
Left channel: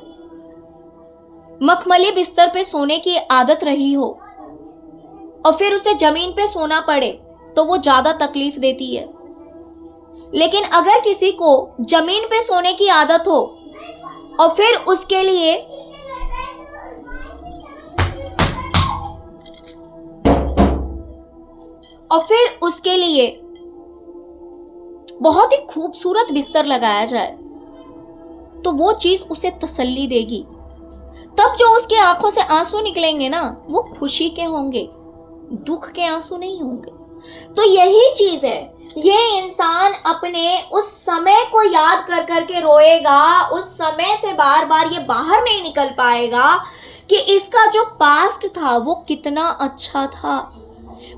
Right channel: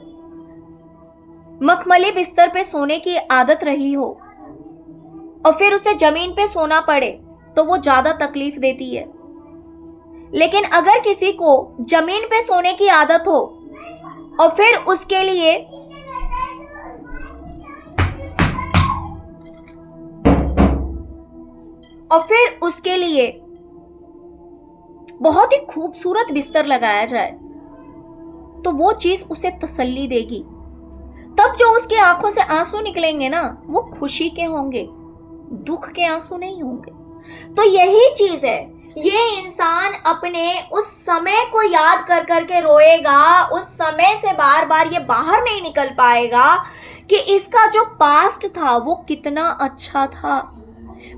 मखमली बिस्तर पे सोने की आदत रही हो और फिर उसे जमीन पे सोना पड़े, तो वो ज्यादा तकलीफ देती है। लेकिन अगर किसी को जमीन पे सोने की आदत हो और फिर उसके लिए बहुत ही खूबसूरत बिस्तर लगाया जाए, तो वो चीज उसे तसल्ली देगी। तब जो उसकी आंखों से आंसू निकलेंगे ना, वो खुशी के होंगे, दुख के आंसू नहीं होंगे। तो यही चीज है, ये इंसान अपने उस समय को याद कर करके रोएगा, उस समय से बार बार ये बाहर नहीं निकल पाएगा कि इसका जो पास्ट था वो कितना अच्छा था,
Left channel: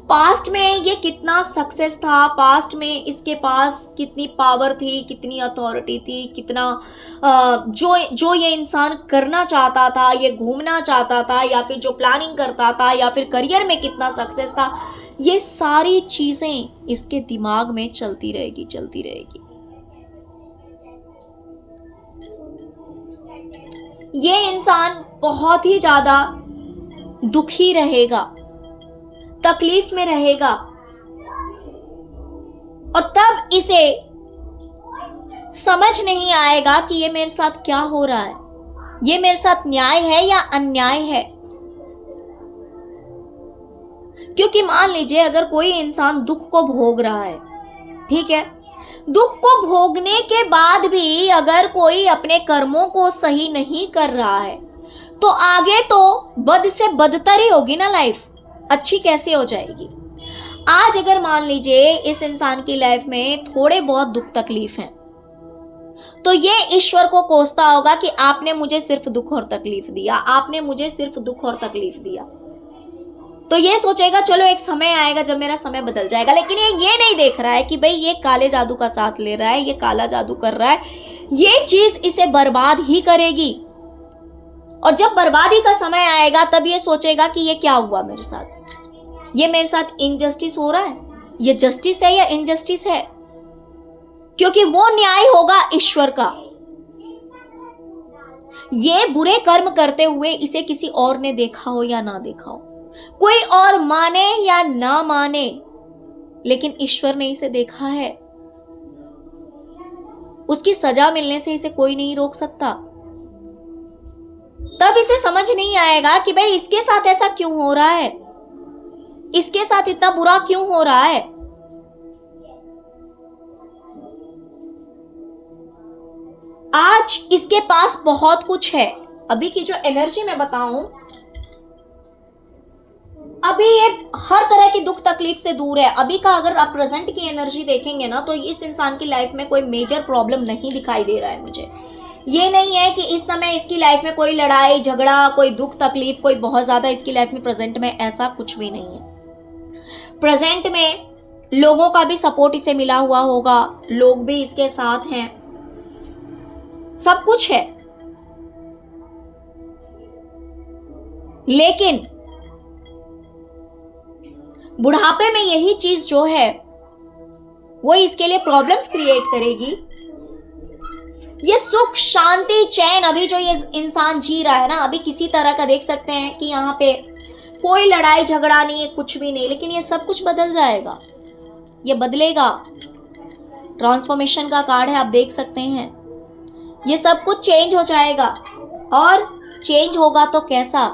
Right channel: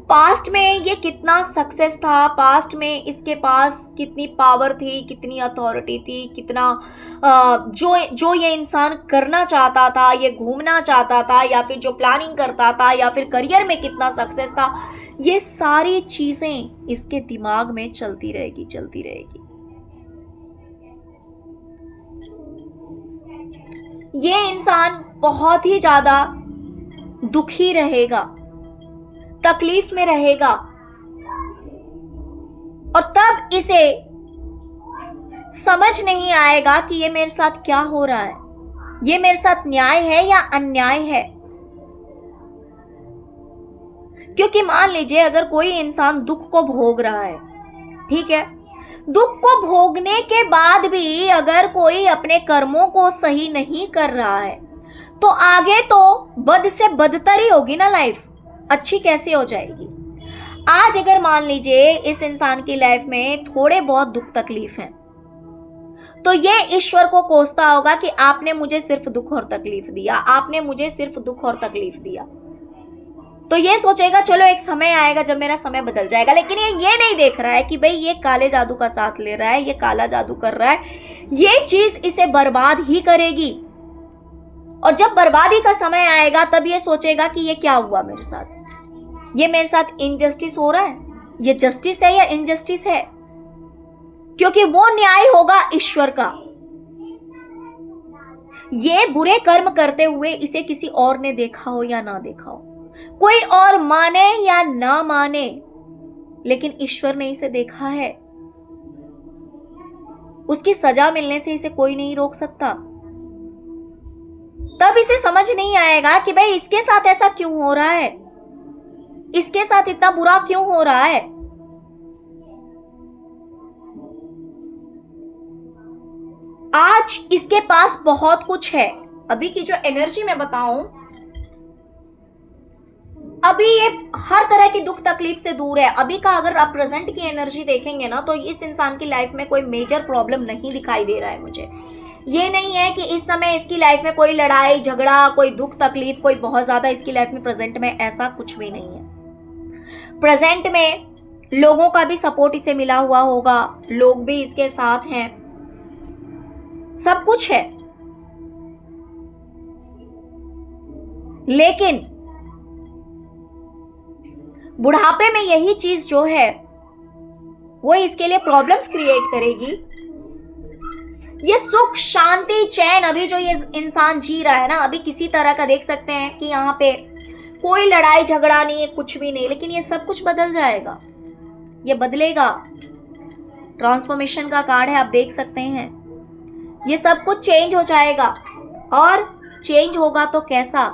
पास्ट में ये कितना सक्सेस था, पास्ट में इसके पास कितनी पावर थी, कितनी अथॉरिटी थी, कितना जो ये इंसान करना चाहता था, ये घूमना चाहता था, या फिर जो प्लानिंग करता था, या फिर करियर में कितना सक्सेस था। ये सारी चीजें इसके दिमाग में चलती रहेगी, चलती रहेगी। ये इंसान बहुत ही ज्यादा दुखी रहेगा, तकलीफ में रहेगा, और तब इसे समझ नहीं आएगा कि ये मेरे साथ क्या हो रहा है, ये मेरे साथ न्याय है या अन्याय है। क्योंकि मान लीजिए अगर कोई इंसान दुख को भोग रहा है, ठीक है, दुख को भोगने के बाद भी अगर कोई अपने कर्मों को सही नहीं कर रहा है, तो आगे तो बद से बदतर ही होगी ना लाइफ, अच्छी कैसे हो जाएगी। आज अगर मान लीजिए इस इंसान की लाइफ में थोड़े बहुत दुख तकलीफ हैं, तो ये ईश्वर को कोसता होगा कि आपने मुझे सिर्फ दुख और तकलीफ दिया, आपने मुझे सिर्फ दुख और तकलीफ दिया। तो ये सोचेगा चलो एक समय आएगा जब मेरा समय बदल जाएगा। लेकिन ये नहीं देख रहा है कि भाई ये काले जादू का साथ ले रहा है, ये काला जादू कर रहा है, ये चीज इसे बर्बाद ही करेगी। और जब बर्बादी का समय आएगा तब ये सोचेगा कि ये क्या हुआ मेरे साथ, ये मेरे साथ इनजस्टिस हो रहा है, ये जस्टिस है या इनजस्टिस है। क्योंकि वो न्याय होगा ईश्वर का। ये बुरे कर्म करते हुए इसे किसी और ने देखा हो या ना देखा हो, कोई और माने या ना माने, लेकिन ईश्वर ने इसे देखा है। उसकी सजा मिलने से इसे कोई नहीं रोक सकता। तब इसे समझ नहीं आएगा कि भाई इसके साथ ऐसा क्यों हो रहा है, इसके साथ इतना बुरा क्यों हो रहा है। आज इसके पास बहुत कुछ है। अभी की जो एनर्जी मैं बताऊं, अभी ये हर तरह की दुख तकलीफ से दूर है। अभी का अगर आप प्रेजेंट की एनर्जी देखेंगे ना, तो इस इंसान की लाइफ में कोई मेजर प्रॉब्लम नहीं दिखाई दे रहा है मुझे। ये नहीं है कि इस समय इसकी लाइफ में कोई लड़ाई झगड़ा, कोई दुख तकलीफ, कोई बहुत ज्यादा इसकी लाइफ में प्रेजेंट में, ऐसा कुछ भी नहीं है। प्रेजेंट में लोगों का भी सपोर्ट इसे मिला हुआ होगा, लोग भी इसके साथ हैं, सब कुछ है। लेकिन बुढ़ापे में यही चीज जो है वो इसके लिए प्रॉब्लम्स क्रिएट करेगी। ये सुख शांति चैन अभी जो ये इंसान जी रहा है ना, अभी किसी तरह का देख सकते हैं कि यहाँ पे कोई लड़ाई झगड़ा नहीं है, कुछ भी नहीं, लेकिन ये सब कुछ बदल जाएगा, ये बदलेगा। ट्रांसफॉर्मेशन का कार्ड है, आप देख सकते हैं। ये सब कुछ चेंज हो जाएगा, और चेंज होगा तो कैसा?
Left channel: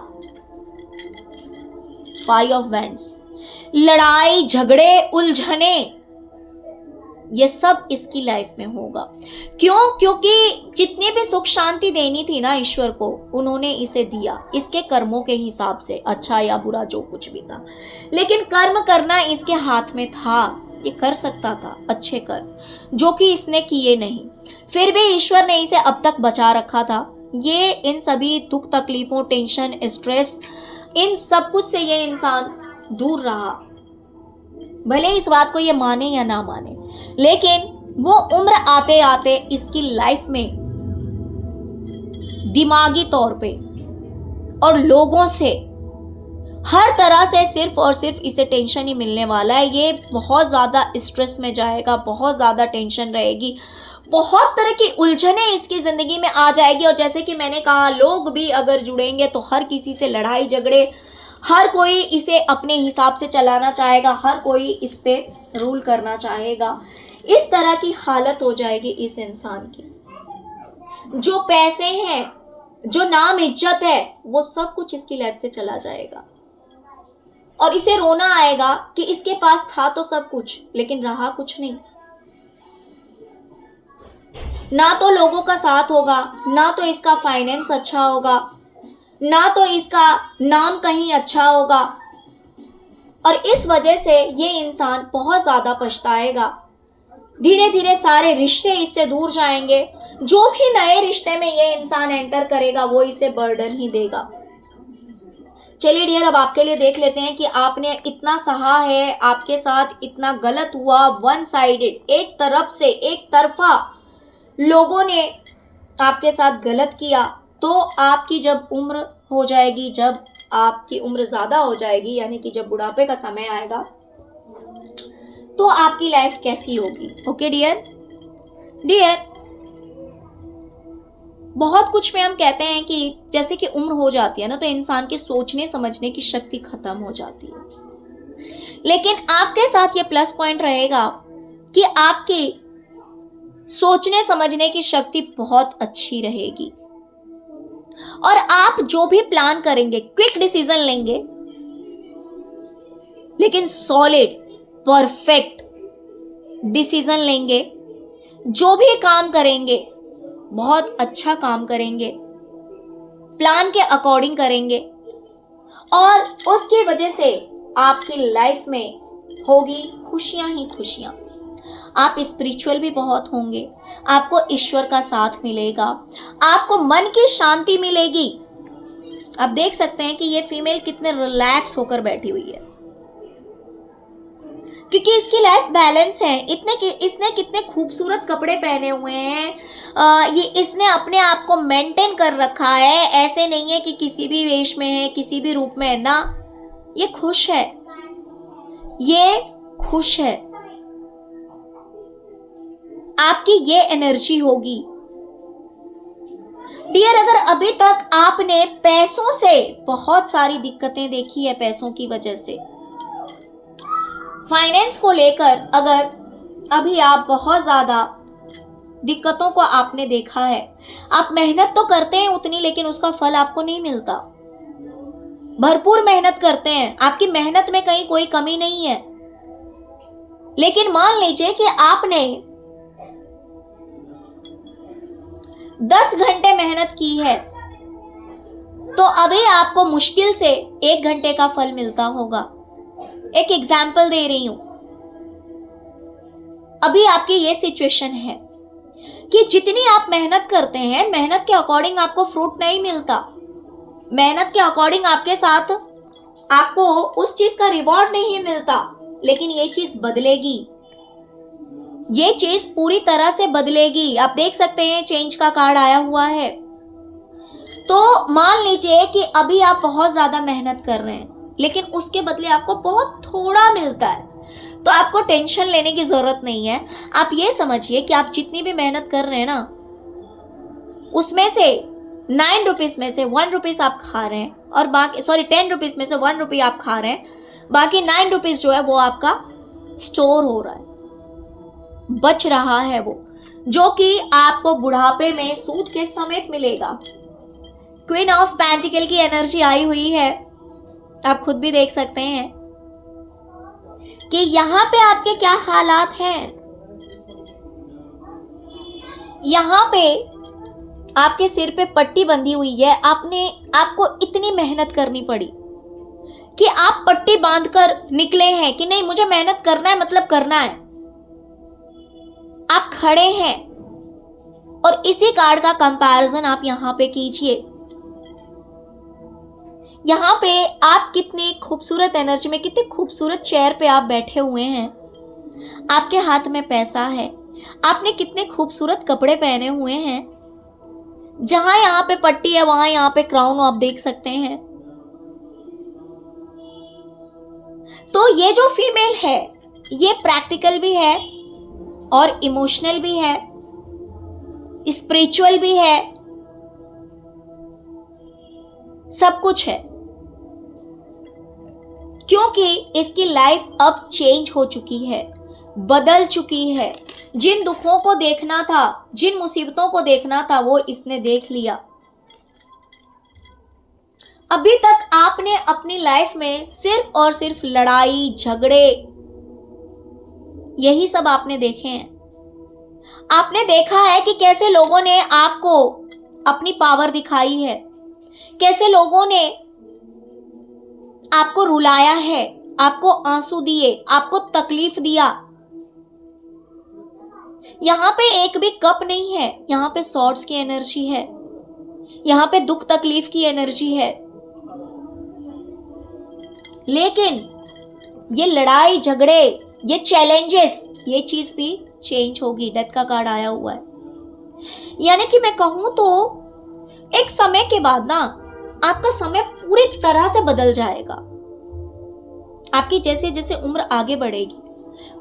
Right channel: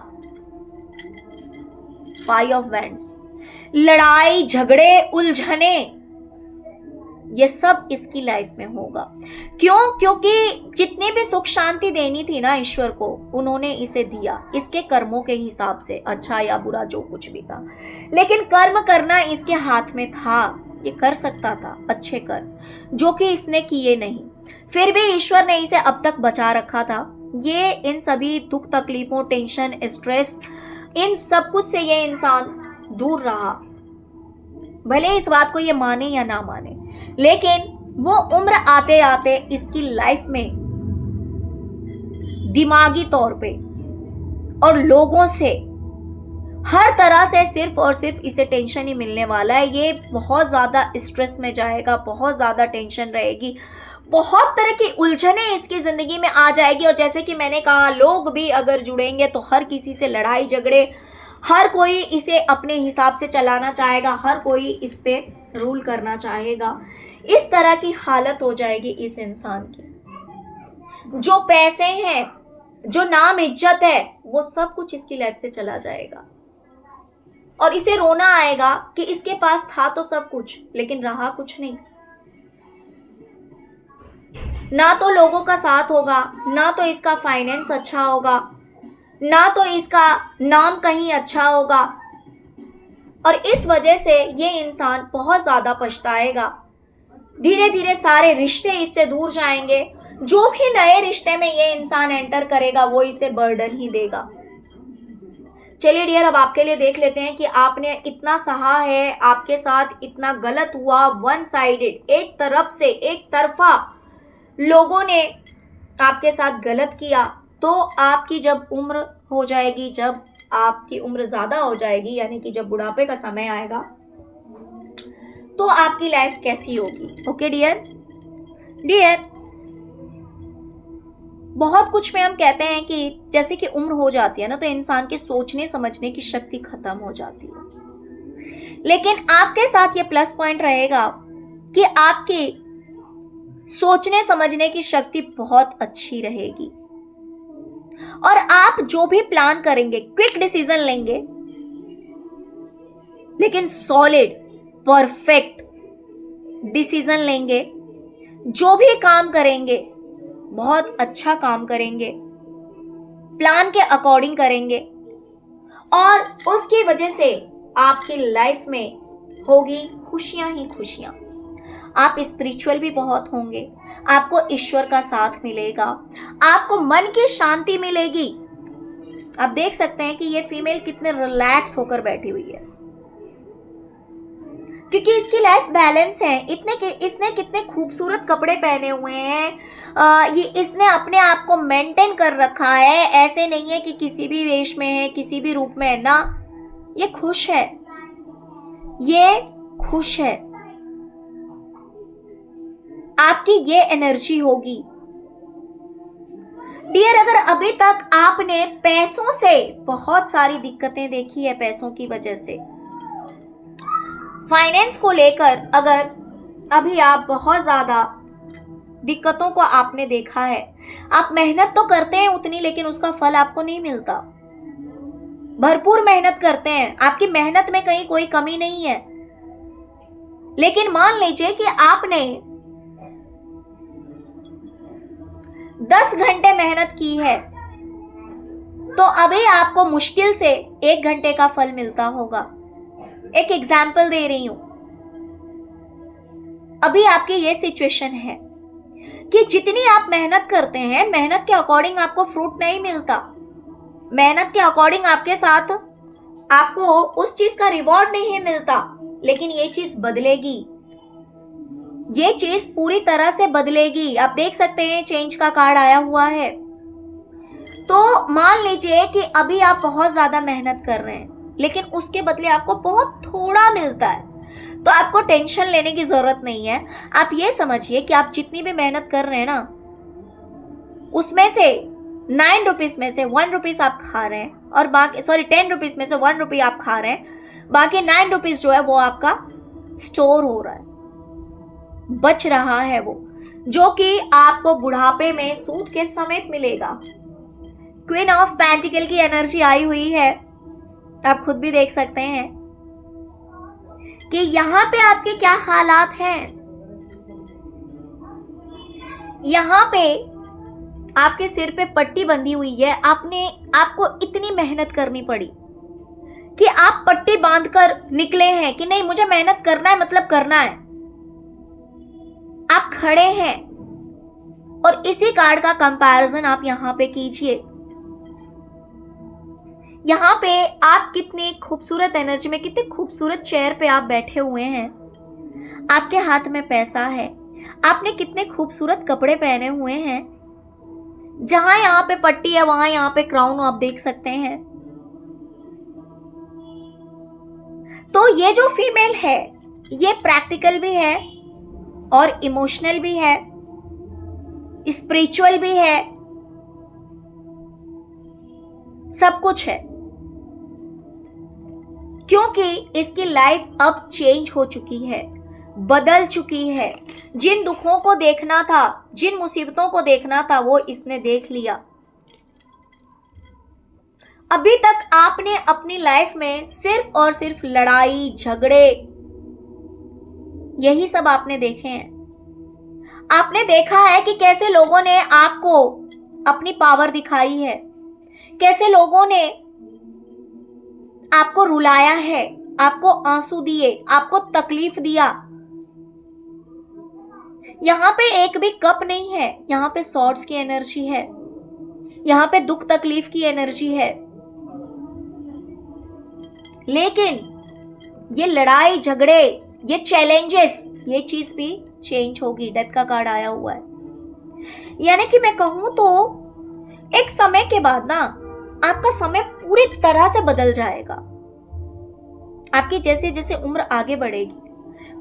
5 ऑफ वैंड्स। लड़ाई झगड़े उलझने, ये सब इसकी लाइफ में होगा। क्यों? क्योंकि जितनी भी सुख शांति देनी थी ना ईश्वर को, उन्होंने इसे दिया इसके कर्मों के हिसाब से, अच्छा या बुरा जो कुछ भी था। लेकिन कर्म करना इसके हाथ में था, ये कर सकता था अच्छे कर्म, जो कि इसने किए नहीं। फिर भी ईश्वर ने इसे अब तक बचा रखा था। ये इन सभी दुख तकलीफों, टेंशन, स्ट्रेस, इन सब कुछ से ये इंसान दूर रहा। भले इस बात को ये माने या ना माने, लेकिन वो उम्र आते आते इसकी लाइफ में दिमागी तौर पे और लोगों से हर तरह से सिर्फ और सिर्फ इसे टेंशन ही मिलने वाला है। ये बहुत ज्यादा स्ट्रेस में जाएगा, बहुत ज्यादा टेंशन रहेगी, बहुत तरह की उलझने इसकी जिंदगी में आ जाएगी। और जैसे कि मैंने कहा, लोग भी अगर जुड़ेंगे तो हर किसी से लड़ाई झगड़े, हर कोई इसे अपने हिसाब से चलाना चाहेगा, हर कोई इस पे रूल करना चाहेगा। इस तरह की हालत हो जाएगी इस इंसान की। जो पैसे हैं, जो नाम इज्जत है, वो सब कुछ इसकी लाइफ से चला जाएगा, और इसे रोना आएगा कि इसके पास था तो सब कुछ, लेकिन रहा कुछ नहीं। ना तो लोगों का साथ होगा, ना तो इसका फाइनेंस अच्छा होगा, ना तो इसका नाम कहीं अच्छा होगा, और इस वजह से ये इंसान बहुत ज्यादा पछताएगा। धीरे धीरे सारे रिश्ते इससे दूर जाएंगे। जो भी नए रिश्ते में ये इंसान एंटर करेगा, वो इसे बर्डन ही देगा। चलिए डियर, अब आपके लिए देख लेते हैं कि आपने इतना सहा है, आपके साथ इतना गलत हुआ, वन साइडेड, एक तरफ से, एक तरफा लोगों ने आपके साथ गलत किया। तो आपकी जब उम्र हो जाएगी, जब आपकी उम्र ज़्यादा हो जाएगी, यानी कि जब बुढ़ापे का समय आएगा, तो आपकी लाइफ कैसी होगी। ओके डियर, बहुत कुछ में हम कहते हैं कि जैसे कि उम्र हो जाती है ना, तो इंसान के सोचने समझने की शक्ति खत्म हो जाती है। लेकिन आपके साथ ये प्लस पॉइंट रहेगा कि आपकी सोचने समझने की शक्ति बहुत अच्छी रहेगी, और आप जो भी प्लान करेंगे, क्विक डिसीजन लेंगे, लेकिन सॉलिड परफेक्ट डिसीजन लेंगे। जो भी काम करेंगे बहुत अच्छा काम करेंगे, प्लान के अकॉर्डिंग करेंगे, और उसकी वजह से आपकी लाइफ में होगी खुशियां ही खुशियां। आप स्पिरिचुअल भी बहुत होंगे, आपको ईश्वर का साथ मिलेगा, आपको मन की शांति मिलेगी। आप देख सकते हैं कि ये फीमेल कितने रिलैक्स होकर बैठी हुई है, क्योंकि इसकी लाइफ बैलेंस है। इसने कितने खूबसूरत कपड़े पहने हुए हैं, ये इसने अपने आप को मेंटेन कर रखा है। ऐसे नहीं है कि किसी भी वेश में है, किसी भी रूप में है ना, ये खुश है, ये खुश है। आपकी ये एनर्जी होगी डियर। अगर अभी तक आपने पैसों से बहुत सारी दिक्कतें देखी है, पैसों की वजह से, फाइनेंस को लेकर अगर अभी आप बहुत ज्यादा दिक्कतों को आपने देखा है, आप मेहनत तो करते हैं उतनी, लेकिन उसका फल आपको नहीं मिलता। भरपूर मेहनत करते हैं, आपकी मेहनत में कहीं कोई कमी नहीं है, लेकिन मान लीजिए कि आपने 10 घंटे मेहनत की है तो अभी आपको मुश्किल से 1 घंटे का फल मिलता होगा। एक एग्जाम्पल दे रही हूं। अभी आपकी ये सिचुएशन है कि जितनी आप मेहनत करते हैं, मेहनत के अकॉर्डिंग आपको फ्रूट नहीं मिलता, मेहनत के अकॉर्डिंग आपके साथ आपको उस चीज का रिवॉर्ड नहीं मिलता। लेकिन ये चीज बदलेगी, ये चीज पूरी तरह से बदलेगी। आप देख सकते हैं चेंज का कार्ड आया हुआ है। तो मान लीजिए कि अभी आप बहुत ज्यादा मेहनत कर रहे हैं लेकिन उसके बदले आपको बहुत थोड़ा मिलता है, तो आपको टेंशन लेने की जरूरत नहीं है। आप ये समझिए कि आप जितनी भी मेहनत कर रहे हैं ना, उसमें से 9 रुपीज में से 1 रुपीज आप खा रहे हैं और बाकी 10 रुपीज में से 1 रुपी आप खा रहे हैं, बाकी 9 रुपीज जो है वो आपका स्टोर हो रहा है, बच रहा है वो, जो कि आपको बुढ़ापे में सूद के समेत मिलेगा। क्वीन ऑफ पेंटिकल की एनर्जी आई हुई है, आप खुद भी देख सकते हैं कि यहां पे आपके क्या हालात हैं। यहां पे आपके सिर पे पट्टी बंधी हुई है, आपको इतनी मेहनत करनी पड़ी कि आप पट्टी बांधकर निकले हैं कि नहीं मुझे मेहनत करना है, मतलब करना है। आप खड़े हैं और इसी कार्ड का कंपैरिजन आप यहां पे कीजिए। यहां पे आप कितनी खूबसूरत एनर्जी में, कितने खूबसूरत चेयर पे आप बैठे हुए हैं, आपके हाथ में पैसा है, आपने कितने खूबसूरत कपड़े पहने हुए हैं, जहां यहाँ पे पट्टी है वहां यहाँ पे क्राउन आप देख सकते हैं। तो ये जो फीमेल है ये प्रैक्टिकल भी है और इमोशनल भी है, स्पिरिचुअल भी है, सब कुछ है, क्योंकि इसकी लाइफ अब चेंज हो चुकी है, बदल चुकी है। जिन दुखों को देखना था, जिन मुसीबतों को देखना था, वो इसने देख लिया। अभी तक आपने अपनी लाइफ में सिर्फ और सिर्फ लड़ाई झगड़े यही सब आपने देखे हैं। आपने देखा है कि कैसे लोगों ने आपको अपनी पावर दिखाई है, कैसे लोगों ने आपको रुलाया है, आपको आंसू दिए, आपको तकलीफ दिया। यहां पे एक भी कप नहीं है, यहां पे सॉर्ड्स की एनर्जी है, यहां पे दुख तकलीफ की एनर्जी है। लेकिन ये लड़ाई झगड़े, ये चैलेंजेस, ये चीज भी चेंज होगी। डेथ का कार्ड आया हुआ है, यानी कि मैं कहूं तो एक समय के बाद ना आपका समय पूरी तरह से बदल जाएगा। आपकी जैसे जैसे उम्र आगे बढ़ेगी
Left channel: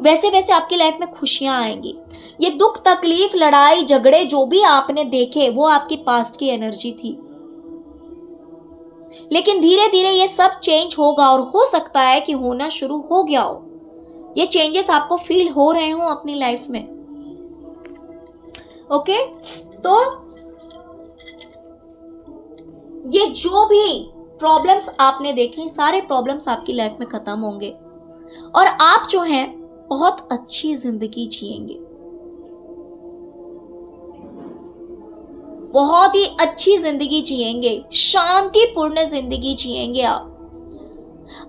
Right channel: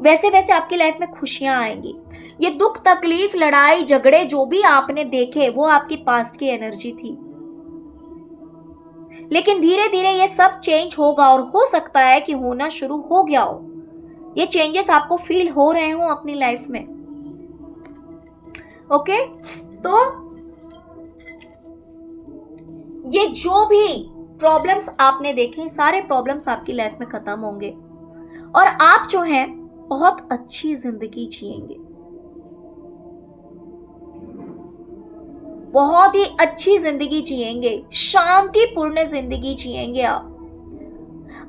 वैसे वैसे आपकी लाइफ में खुशियां आएंगी। ये दुख तकलीफ लड़ाई झगड़े जो भी आपने देखे वो आपकी पास्ट की एनर्जी थी, लेकिन धीरे धीरे ये सब चेंज होगा और हो सकता है कि होना शुरू हो गया हो। ये चेंजेस आपको फील हो रहे हो अपनी लाइफ में। ओके, तो ये जो भी प्रॉब्लम्स आपने देखे, सारे प्रॉब्लम्स आपकी लाइफ में खत्म होंगे और आप जो हैं बहुत अच्छी जिंदगी जिएंगे, बहुत ही अच्छी जिंदगी जिएंगे, शांतिपूर्ण जिंदगी जिएंगे।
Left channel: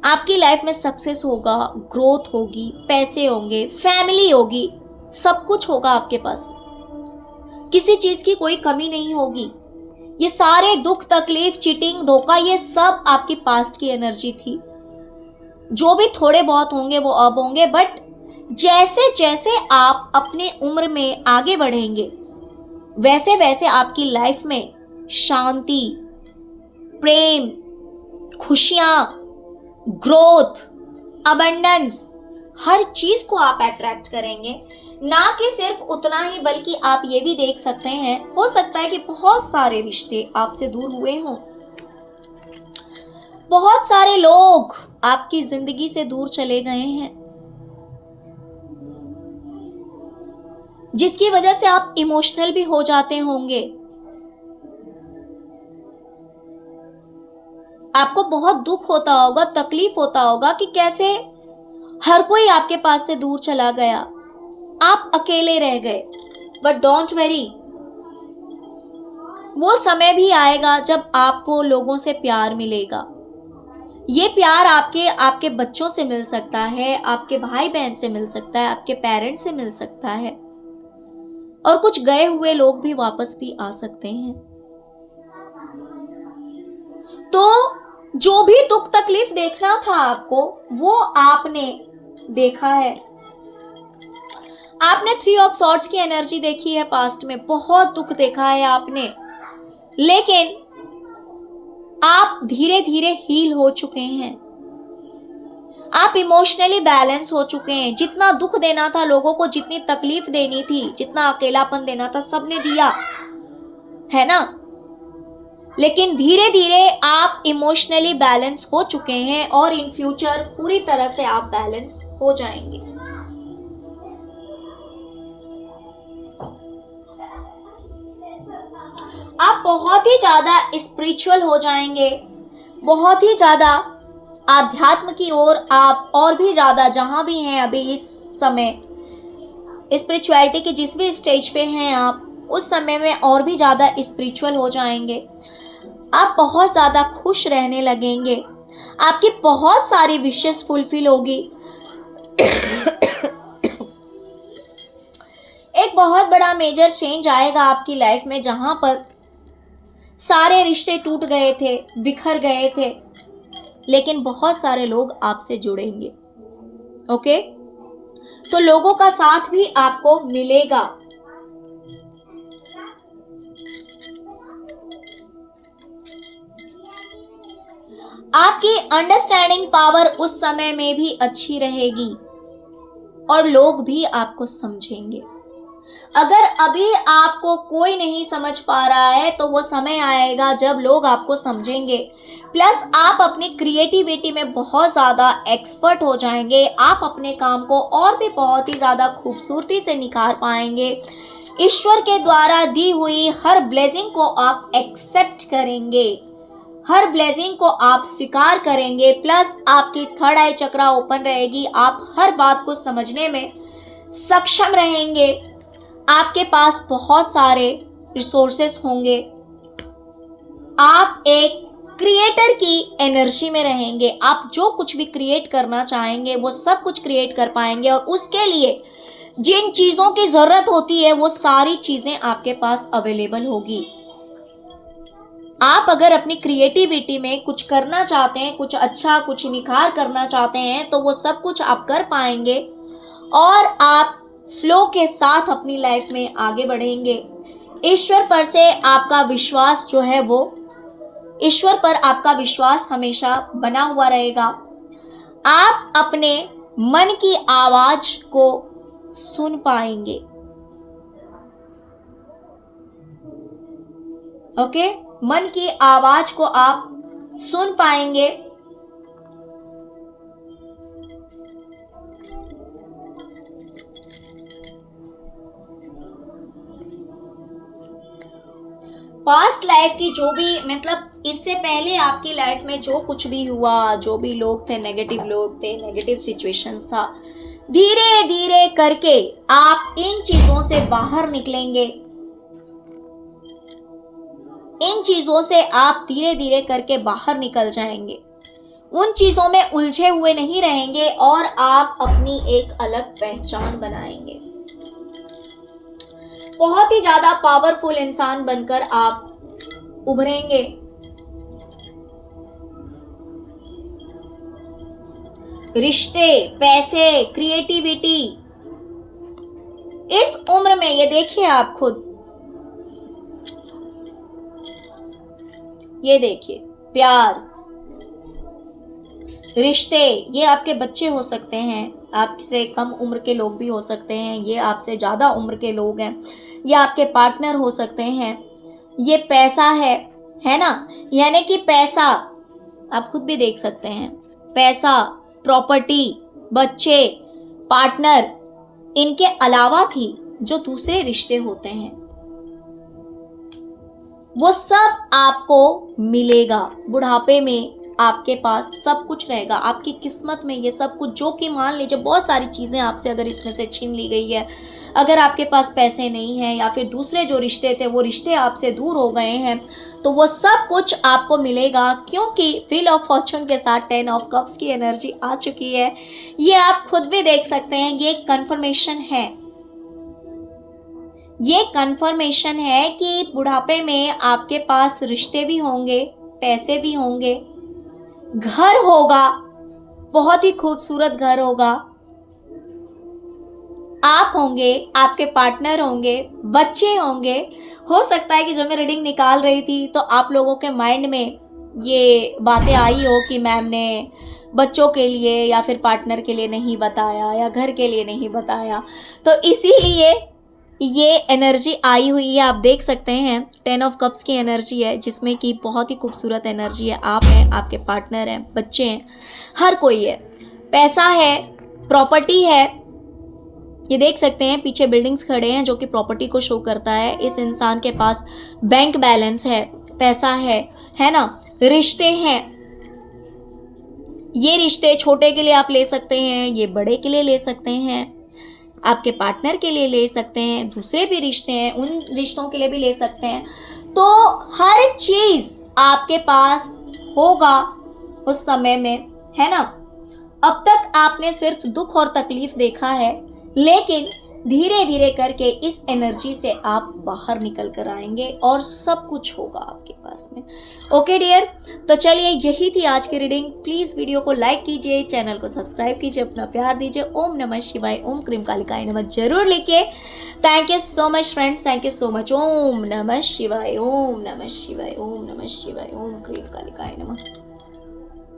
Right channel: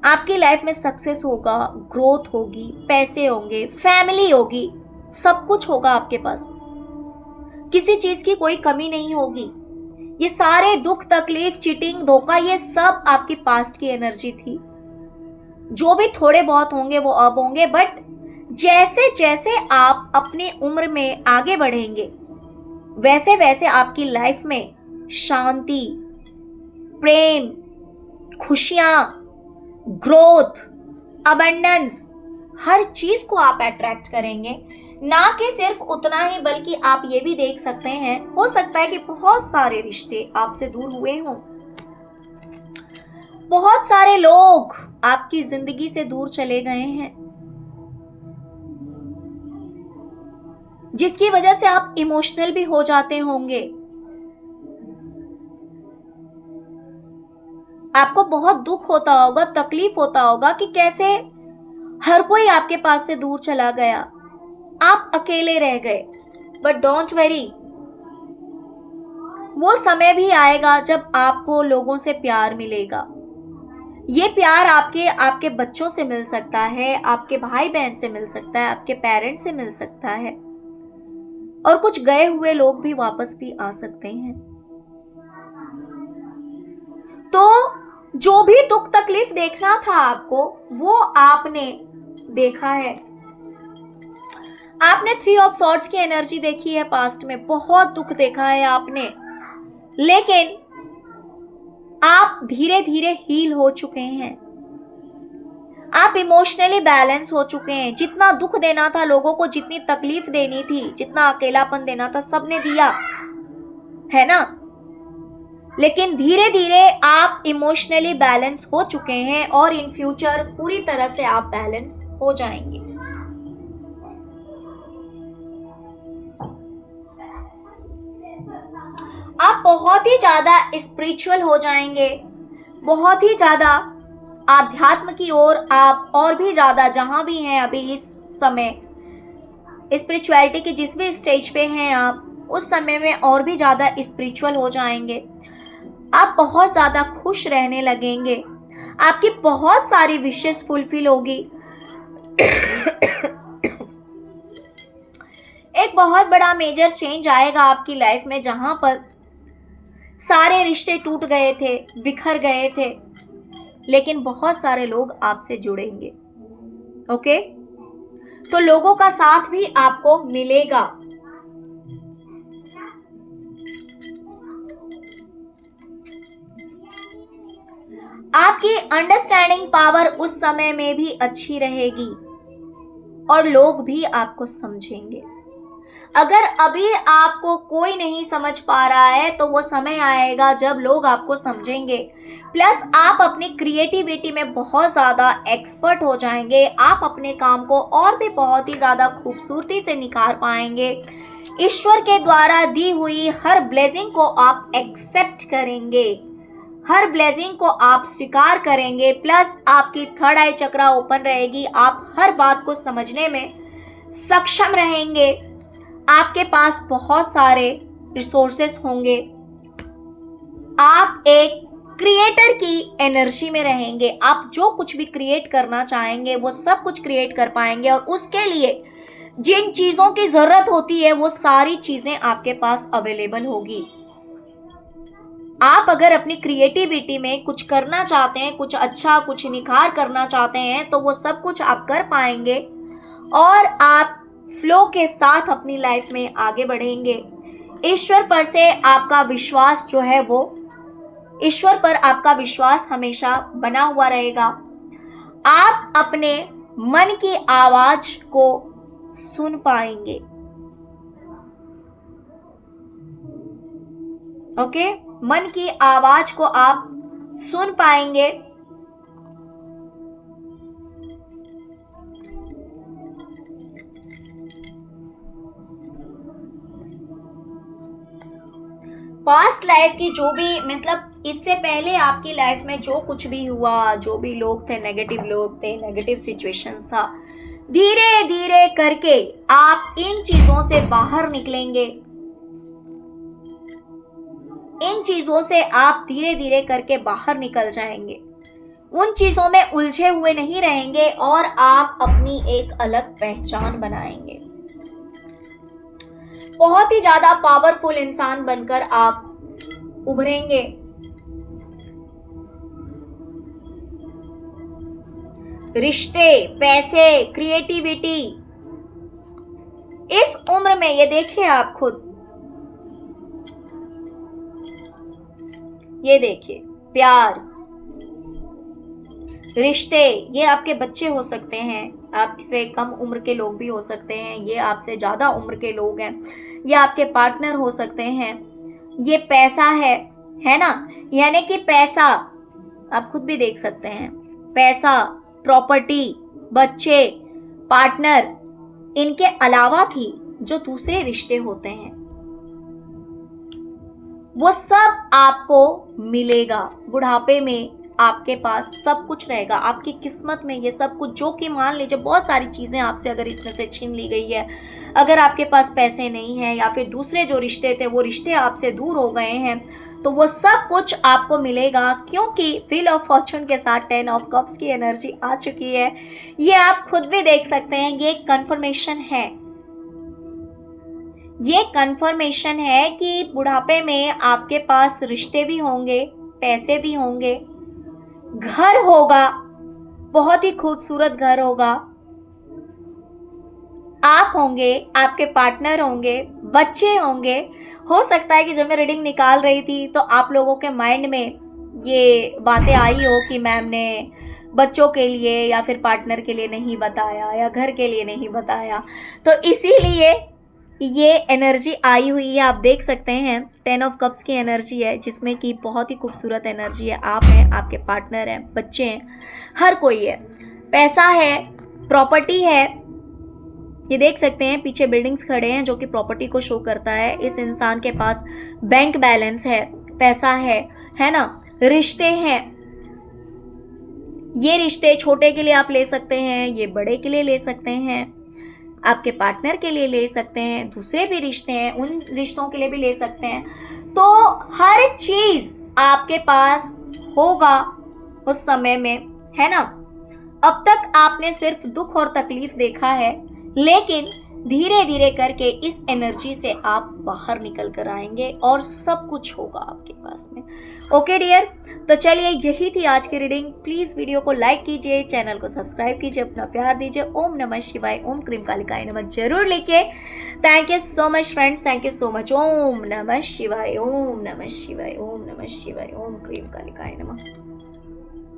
आपकी लाइफ में सक्सेस होगा, ग्रोथ होगी, पैसे होंगे, फैमिली होगी, सब कुछ होगा आपके पास, किसी चीज की कोई कमी नहीं होगी। ये सारे दुख तकलीफ चीटिंग धोखा ये सब आपकी पास्ट की एनर्जी थी। जो भी थोड़े बहुत होंगे वो अब होंगे, बट जैसे जैसे आप अपने उम्र में आगे बढ़ेंगे वैसे वैसे आपकी लाइफ में शांति, प्रेम, खुशियां, ग्रोथ, अबंडेंस, हर चीज को आप अट्रैक्ट करेंगे। ना कि सिर्फ उतना ही, बल्कि आप ये भी देख सकते हैं, हो सकता है कि बहुत सारे रिश्ते आपसे दूर हुए हों, बहुत सारे लोग आपकी जिंदगी से दूर चले गए हैं, जिसकी वजह से आप इमोशनल भी हो जाते होंगे। आपको बहुत दुख होता होगा, तकलीफ होता होगा कि कैसे हर कोई आपके पास से दूर चला गया, आप अकेले रह गए। बट डोंट वरी, वो समय भी आएगा जब आपको लोगों से प्यार मिलेगा। ये प्यार आपके आपके बच्चों से मिल सकता है, आपके भाई बहन से मिल सकता है, आपके पेरेंट्स से मिल सकता है, और कुछ गए हुए लोग भी वापस भी आ सकते हैं। तो जो भी दुख तकलीफ देखना था आपको, वो आपने देखा है। आपने 3 ऑफ सॉर्ड्स की एनर्जी देखी है पास्ट में, बहुत दुख देखा है आपने, लेकिन आप धीरे धीरे हील हो चुके हैं। आप इमोशनली बैलेंस हो चुके हैं। जितना दुख देना था लोगों को, जितनी तकलीफ देनी थी, जितना अकेलापन देना था, सबने दिया है ना। लेकिन धीरे धीरे आप इमोशनली बैलेंस हो चुके हैं और इन फ्यूचर पूरी तरह से आप बैलेंस हो जाएंगे। आप बहुत ही ज्यादा स्पिरिचुअल हो जाएंगे, बहुत ही ज्यादा आध्यात्म की ओर आप और भी ज्यादा, जहां भी हैं अभी इस समय स्पिरिचुअलिटी के जिस भी स्टेज पे हैं आप, उस समय में और भी ज्यादा स्पिरिचुअल हो जाएंगे। आप बहुत ज्यादा खुश रहने लगेंगे, आपकी बहुत सारी विशेस फुलफिल होगी। एक बहुत बड़ा मेजर चेंज आएगा आपकी लाइफ में, जहां पर सारे रिश्ते टूट गए थे, बिखर गए थे, लेकिन बहुत सारे लोग आपसे जुड़ेंगे। ओके, तो लोगों का साथ भी आपको मिलेगा। आपकी अंडरस्टैंडिंग पावर उस समय में भी अच्छी रहेगी और लोग भी आपको समझेंगे। अगर अभी आपको कोई नहीं समझ पा रहा है, तो वो समय आएगा जब लोग आपको समझेंगे। प्लस आप अपनी क्रिएटिविटी में बहुत ज़्यादा एक्सपर्ट हो जाएंगे। आप अपने काम को और भी बहुत ही ज़्यादा खूबसूरती से निखार पाएंगे। ईश्वर के द्वारा दी हुई हर ब्लेसिंग को आप एक्सेप्ट करेंगे, हर ब्लेसिंग को आप स्वीकार करेंगे। प्लस आपकी थर्ड आई चक्रा ओपन रहेगी, आप हर बात को समझने में सक्षम रहेंगे। आपके पास बहुत सारे रिसोर्सेस होंगे। आप एक क्रिएटर की एनर्जी में रहेंगे। आप जो कुछ भी क्रिएट करना चाहेंगे वो सब कुछ क्रिएट कर पाएंगे, और उसके लिए जिन चीज़ों की ज़रूरत होती है वो सारी चीज़ें आपके पास अवेलेबल होगी। आप अगर अपनी क्रिएटिविटी में कुछ करना चाहते हैं, कुछ अच्छा, कुछ निखार करना चाहते हैं, तो वो सब कुछ आप कर पाएंगे और आप फ्लो के साथ अपनी लाइफ में आगे बढ़ेंगे। ईश्वर पर से आपका विश्वास जो है, वो ईश्वर पर आपका विश्वास हमेशा बना हुआ रहेगा। आप अपने मन की आवाज को सुन पाएंगे। ओके, मन की आवाज को आप सुन पाएंगे। पास्ट लाइफ की जो भी, मतलब इससे पहले आपकी लाइफ में जो कुछ भी हुआ, जो भी लोग थे, नेगेटिव लोग थे, नेगेटिव सिचुएशंस था, धीरे धीरे करके आप इन चीजों से बाहर निकलेंगे। इन चीजों से आप धीरे धीरे करके बाहर निकल जाएंगे। उन चीजों में उलझे हुए नहीं रहेंगे और आप अपनी एक अलग पहचान बनाएंगे। बहुत ही ज्यादा पावरफुल इंसान बनकर आप उभरेंगे। रिश्ते, पैसे, क्रिएटिविटी, इस उम्र में ये देखिए आप खुद, ये देखिए, प्यार, रिश्ते, ये आपके बच्चे हो सकते हैं, आपसे कम उम्र के लोग भी हो सकते हैं, ये आपसे ज़्यादा उम्र के लोग हैं, ये आपके पार्टनर हो सकते हैं। ये पैसा है ना, यानी कि पैसा आप खुद भी देख सकते हैं, पैसा, प्रॉपर्टी, बच्चे, पार्टनर, इनके अलावा भी जो दूसरे रिश्ते होते हैं वो सब आपको मिलेगा। बुढ़ापे में आपके पास सब कुछ रहेगा, आपकी किस्मत में ये सब कुछ, जो कि मान लीजिए बहुत सारी चीज़ें आपसे अगर इसमें से छीन ली गई है, अगर आपके पास पैसे नहीं हैं या फिर दूसरे जो रिश्ते थे वो रिश्ते आपसे दूर हो गए हैं, तो वो सब कुछ आपको मिलेगा, क्योंकि व्हील ऑफ फॉर्चून के साथ 10 ऑफ कप्स की एनर्जी आ चुकी है। ये आप खुद भी देख सकते हैं, ये कंफर्मेशन है, ये कंफर्मेशन है कि बुढ़ापे में आपके पास रिश्ते भी होंगे, पैसे भी होंगे, घर होगा, बहुत ही खूबसूरत घर होगा, आप होंगे, आपके पार्टनर होंगे, बच्चे होंगे। हो सकता है कि जब मैं रीडिंग निकाल रही थी तो आप लोगों के माइंड में ये बातें आई हो कि मैम ने बच्चों के लिए या फिर पार्टनर के लिए नहीं बताया या घर के लिए नहीं बताया, तो इसीलिए ये एनर्जी आई हुई है। आप देख सकते हैं 10 ऑफ कप्स की एनर्जी है, जिसमें कि बहुत ही खूबसूरत एनर्जी है। आप हैं, आपके पार्टनर हैं, बच्चे हैं, हर कोई है, पैसा है, प्रॉपर्टी है। ये देख सकते हैं पीछे बिल्डिंग्स खड़े हैं जो कि प्रॉपर्टी को शो करता है। इस इंसान के पास बैंक बैलेंस है, पैसा है ना, रिश्ते हैं। ये रिश्ते छोटे के लिए आप ले सकते हैं, ये बड़े के लिए ले सकते हैं, आपके पार्टनर के लिए ले सकते हैं, दूसरे भी रिश्ते हैं उन रिश्तों के लिए भी ले सकते हैं। तो हर चीज़ आपके पास होगा उस समय में, है ना। अब तक आपने सिर्फ दुख और तकलीफ देखा है, लेकिन धीरे धीरे करके इस एनर्जी से आप बाहर निकल कर आएंगे और सब कुछ होगा आपके पास में। ओके डियर, तो चलिए यही थी आज की रीडिंग। प्लीज़ वीडियो को लाइक कीजिए, चैनल को सब्सक्राइब कीजिए, अपना प्यार दीजिए। ओम नमः शिवाय, ओम क्रीम कालिकाय नमः जरूर लिखिए। Thank you so much friends, thank you so much. ओम नमः शिवाय, ओम नमः शिवाय, ओम नमः शिवाय, ओम क्रीम कालिकाय नमः।